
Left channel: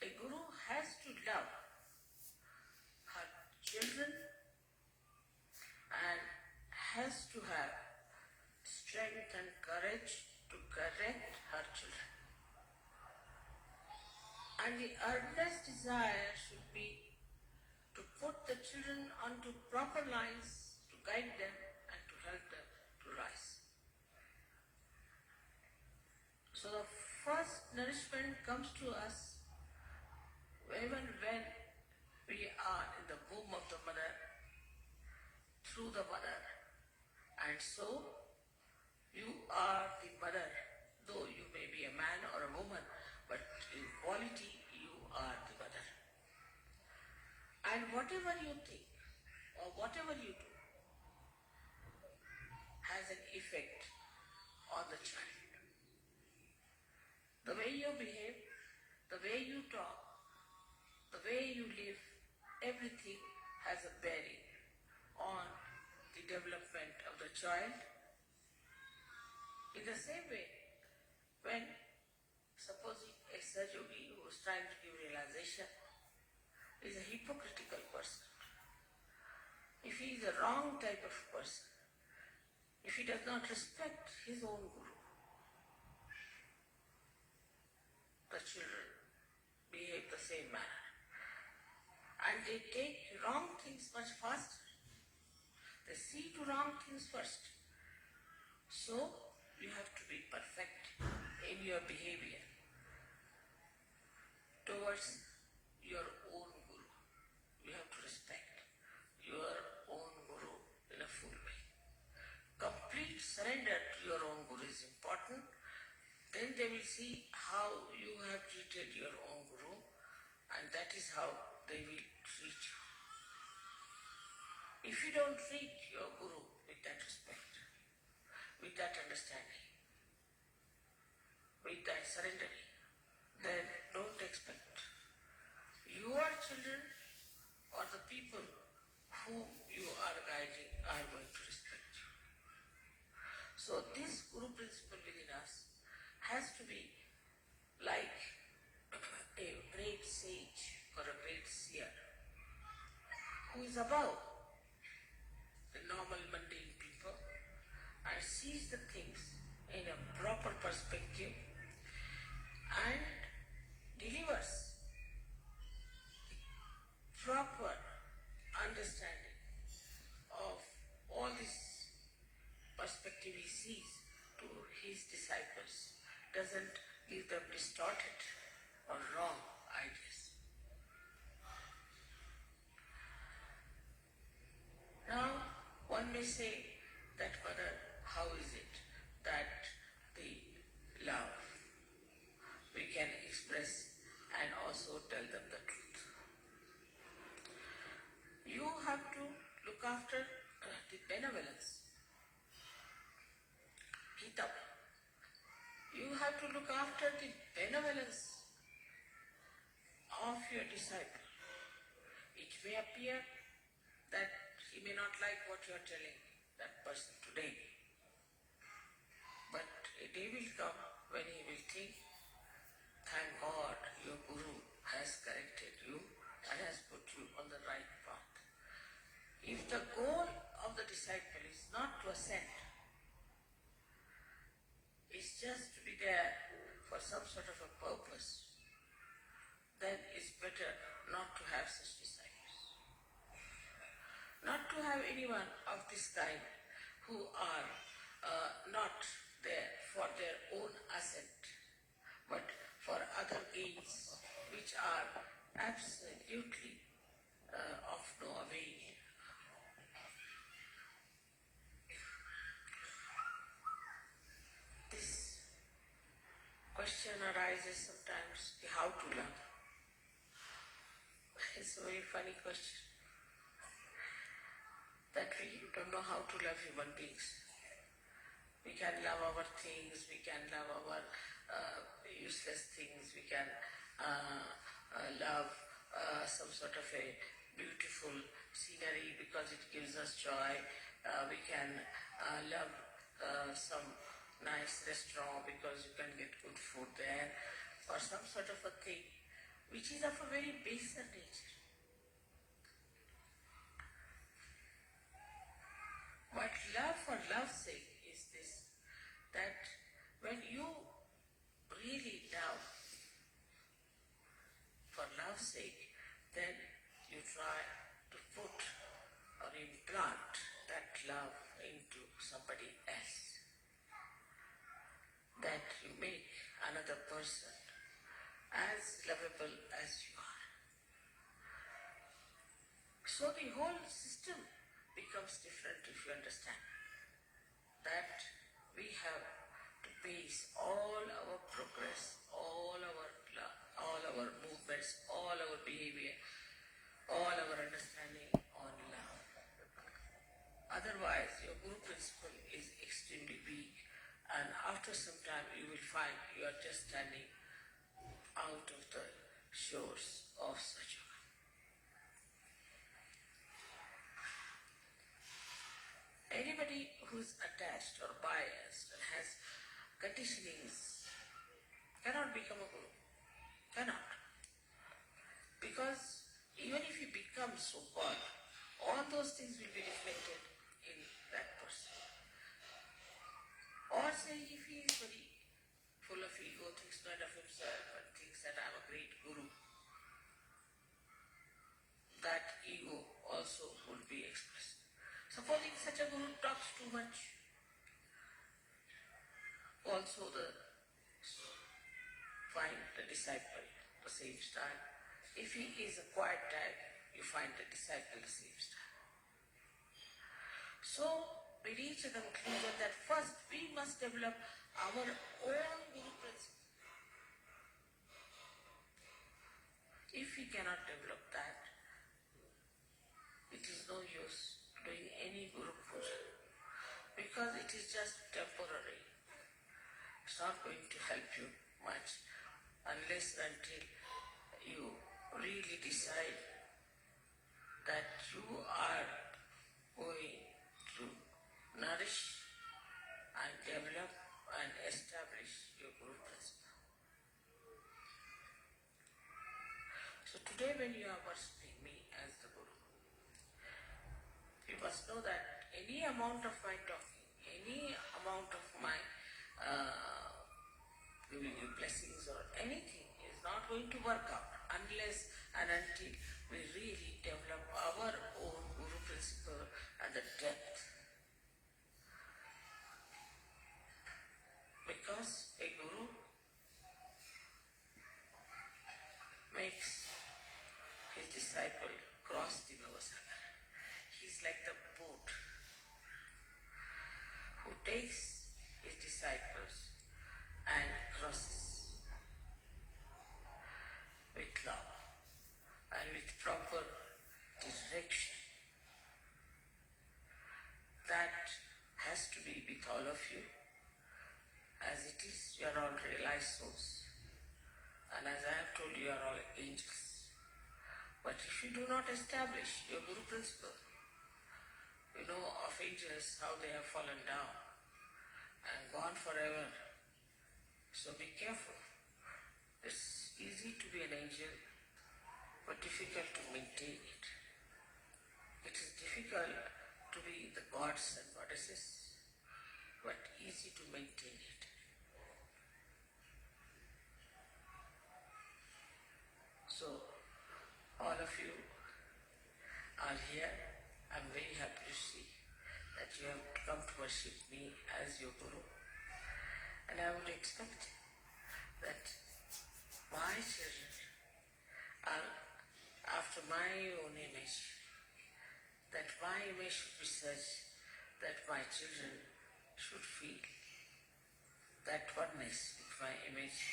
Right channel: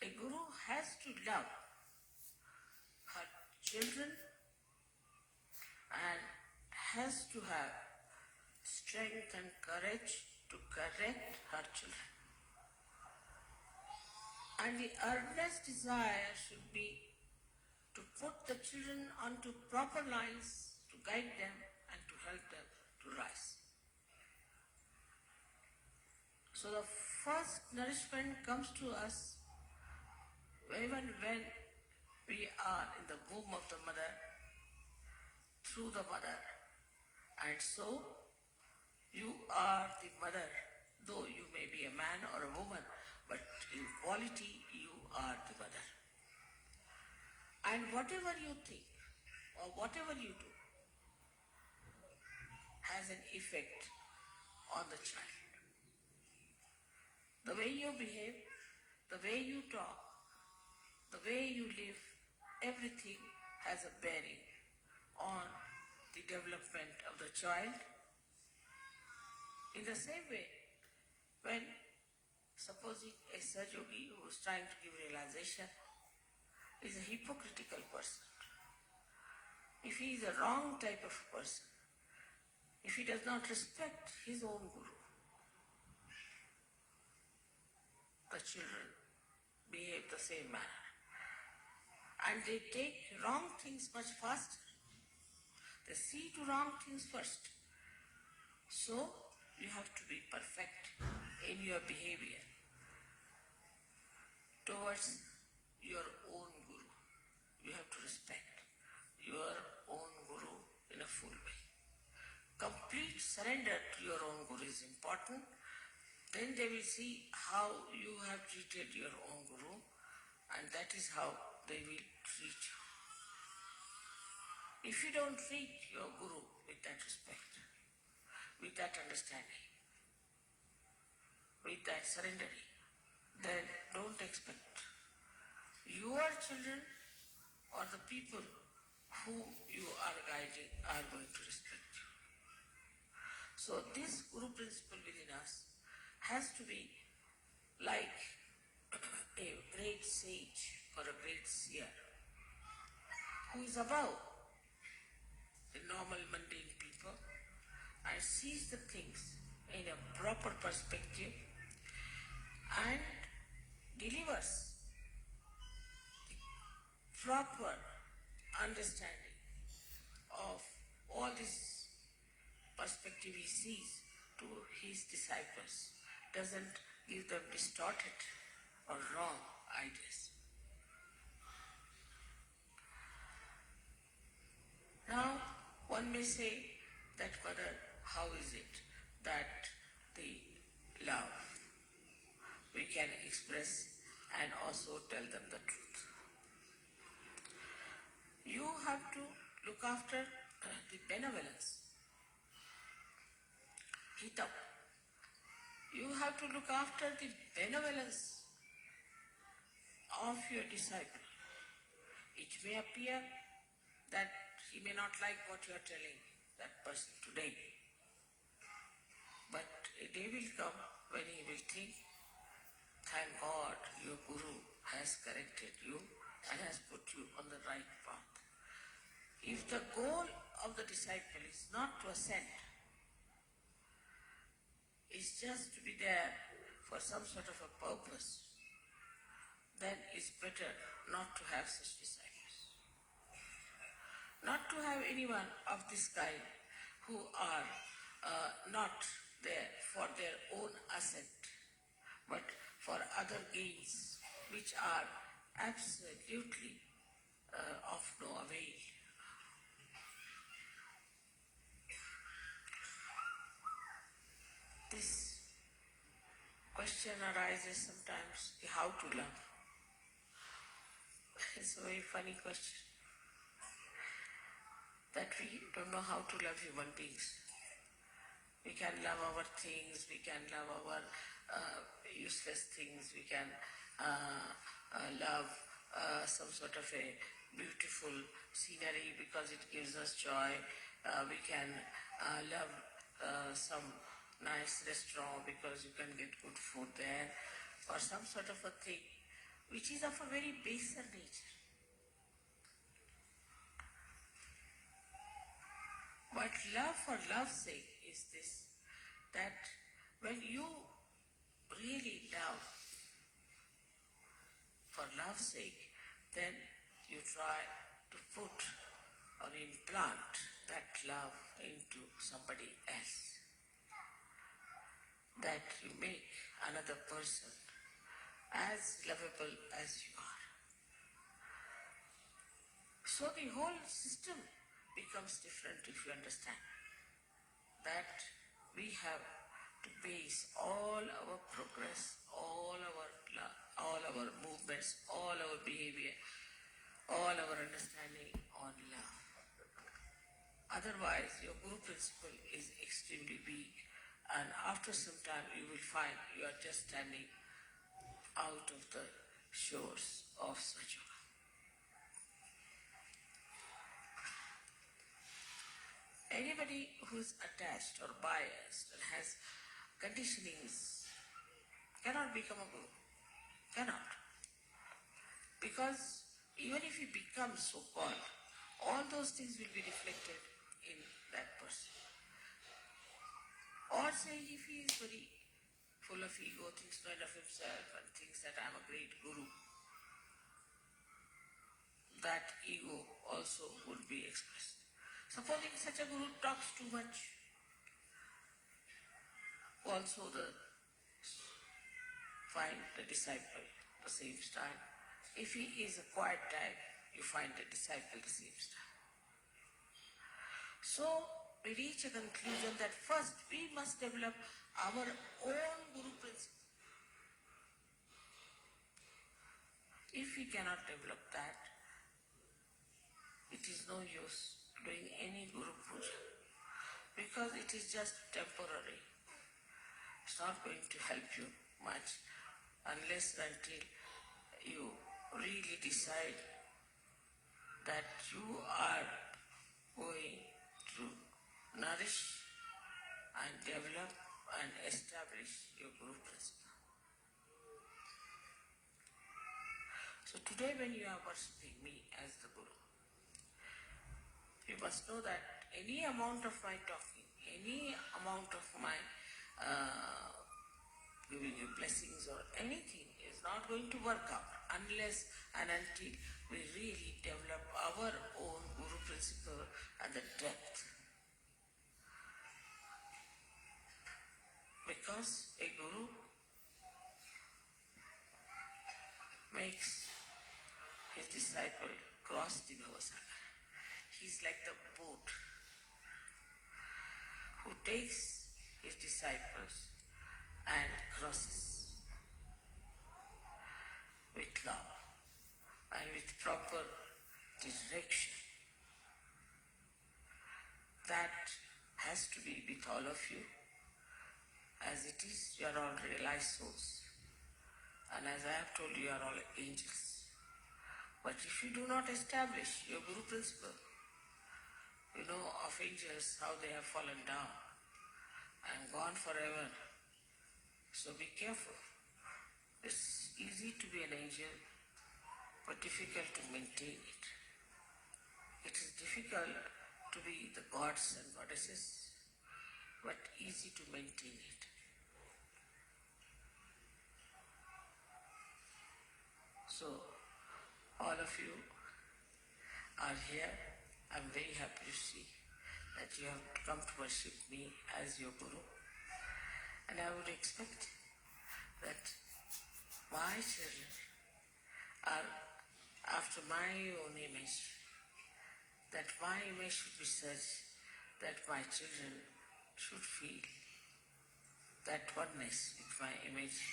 a guru has to love her children and has to have strength and courage to correct her children. And the earnest desire should be to put the children onto proper lines, to guide them and to help them to rise. So the first nourishment comes to us even when we are in the womb of the mother, through the mother. And so you are the mother, though you may be a man or a woman, but in quality you are the mother. And whatever you think or whatever you do has an effect on the child. The way you behave, the way you talk, the way you live, everything has a bearing on the development of the child. In the same way, when supposing a Saj Yogi who is trying to give realization is a hypocritical person, if he is a wrong type of person, if he does not respect his own guru, children behave the same manner. And they take wrong things much faster. They see to wrong things first. So you have to be perfect in your behavior towards your own guru. You have to respect your own guru in a full way. Complete surrender to your own guru is important. Then they will see how you have treated your own guru, and that is how they will treat you. If you don't treat your guru with that respect, with that understanding, with that surrendering, then don't expect your children or the people whom you are guiding are going to respect you. So this guru principle within us has to be like a great sage or a great seer who is above the normal mundane people and sees the things in a proper perspective and delivers proper understanding of all this perspective he sees to his disciples, doesn't give them distorted or wrong ideas. Now, one may say that Father, how is it that the love we can express and also tell them the truth? You have to look after the benevolence. Gita. You have to look after the benevolence of your disciple. It may appear that he may not like what you are telling that person today. But a day will come when he will think, thank God your Guru has corrected you and has put you on the right path. If the goal of the disciple is not to ascend, it's just to be there for some sort of a purpose, then it's better not to have such disciples. Not to have anyone of this kind who are not there for their own ascent, but for other gains which are absolutely of no avail. This question arises sometimes, how to love. It's a very funny question. That we don't know how to love human beings. We can love our things, we can love our useless things, we can love some sort of a beautiful scenery because it gives us joy. We can love some nice restaurant because you can get good food there, or some sort of a thing which is of a very baser nature. But love for love's sake is this, that when you really love for love's sake, then you try to put or implant that love into somebody else. That you make another person as lovable as you are. So the whole system becomes different if you understand that we have to base all our progress, all our love, all our movements, all our behavior, all our understanding on love. Otherwise, your guru principle is extremely weak, and after some time you will find you are just standing out of the shores of Sahaja. Anybody who is attached or biased or has conditionings cannot become a guru. Cannot. Because even if he becomes so-called, all those things will be reflected in that person. Or say if he is very full of ego, thinks not of himself, and thinks that I'm a great guru, that ego also would be expressed. Supposing such a guru talks too much, also find the disciple the same style. If he is a quiet type, you find the disciple the same style. So we reach a conclusion that first we must develop our own guru principle. If we cannot develop that, it is no use doing any guru puja because it is just temporary. It's not going to help you much unless until you really decide that you are going to nourish and develop and establish your guru principle. So today when you are worshipping me as the guru, you must know that any amount of my talking, any amount of my giving you blessings or anything is not going to work out unless and until we really develop our own guru principle and the depth. Because a guru makes his disciple cross the Bhavasagar. He's like the boat who takes his disciples and crosses with love and with proper direction. That has to be with all of you. As it is, you are all realized souls. And as I have told you, you are all angels. But if you do not establish your guru principle, you know of angels how they have fallen down and gone forever. So be careful. It's easy to be an angel, but difficult to maintain it. It is difficult to be the gods and goddesses, but easy to maintain it. So, all of you are here. I'm very happy to see that you have come to worship me as your guru. And I would expect that my children are after my own image, that my image should be such that my children should feel that oneness with my image,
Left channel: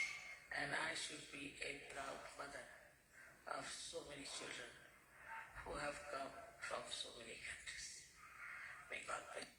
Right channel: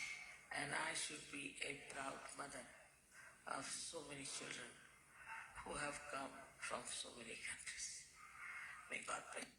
and I should be a proud mother of so many children who have come from so many countries. May God bless.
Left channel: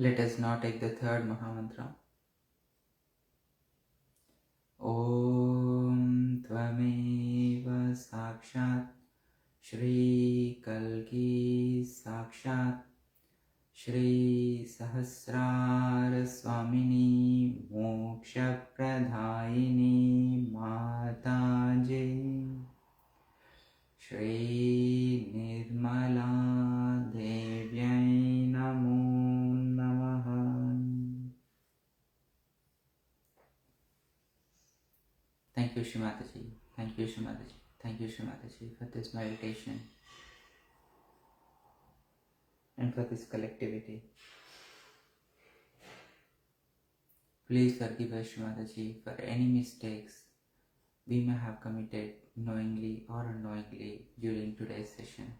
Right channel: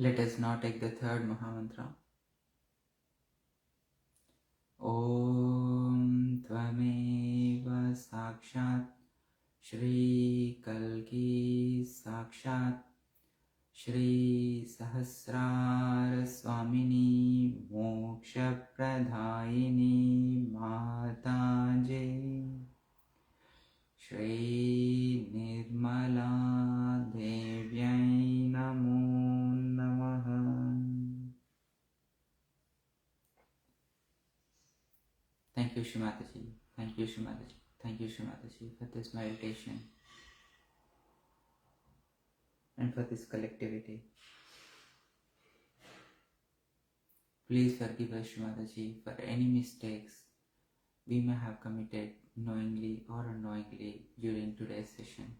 Let us now take the third Mahamantra. Om Tvameva Sakshat Shri Kalki Sakshat Shri Sahasrara Swamini Moksha Pradayini Mataji Shri Nirmala Devyai Namo Namaha. Thank you, Shri Mataji. Thank you, Shri Mataji. Thank you, Shri Mataji, for this meditation and for this collectivity. Please forgive us, Shri Mataji, for any mistakes we may have committed, knowingly or unknowingly during today's session.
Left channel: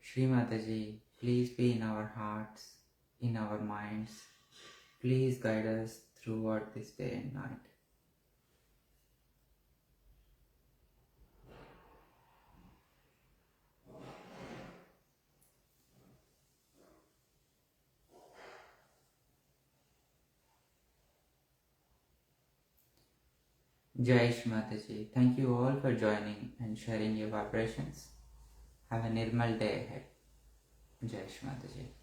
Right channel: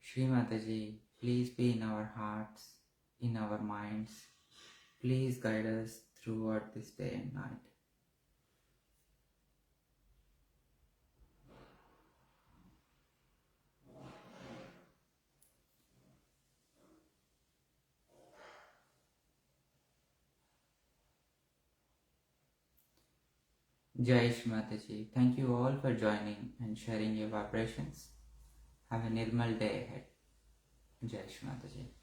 Shri Mataji, please be in our hearts, in our minds. Please guide us throughout this day and night. Jai Shri Mataji. Thank you all for joining and sharing your vibrations. Have a Nirmal day ahead. Jai Shri Mataji.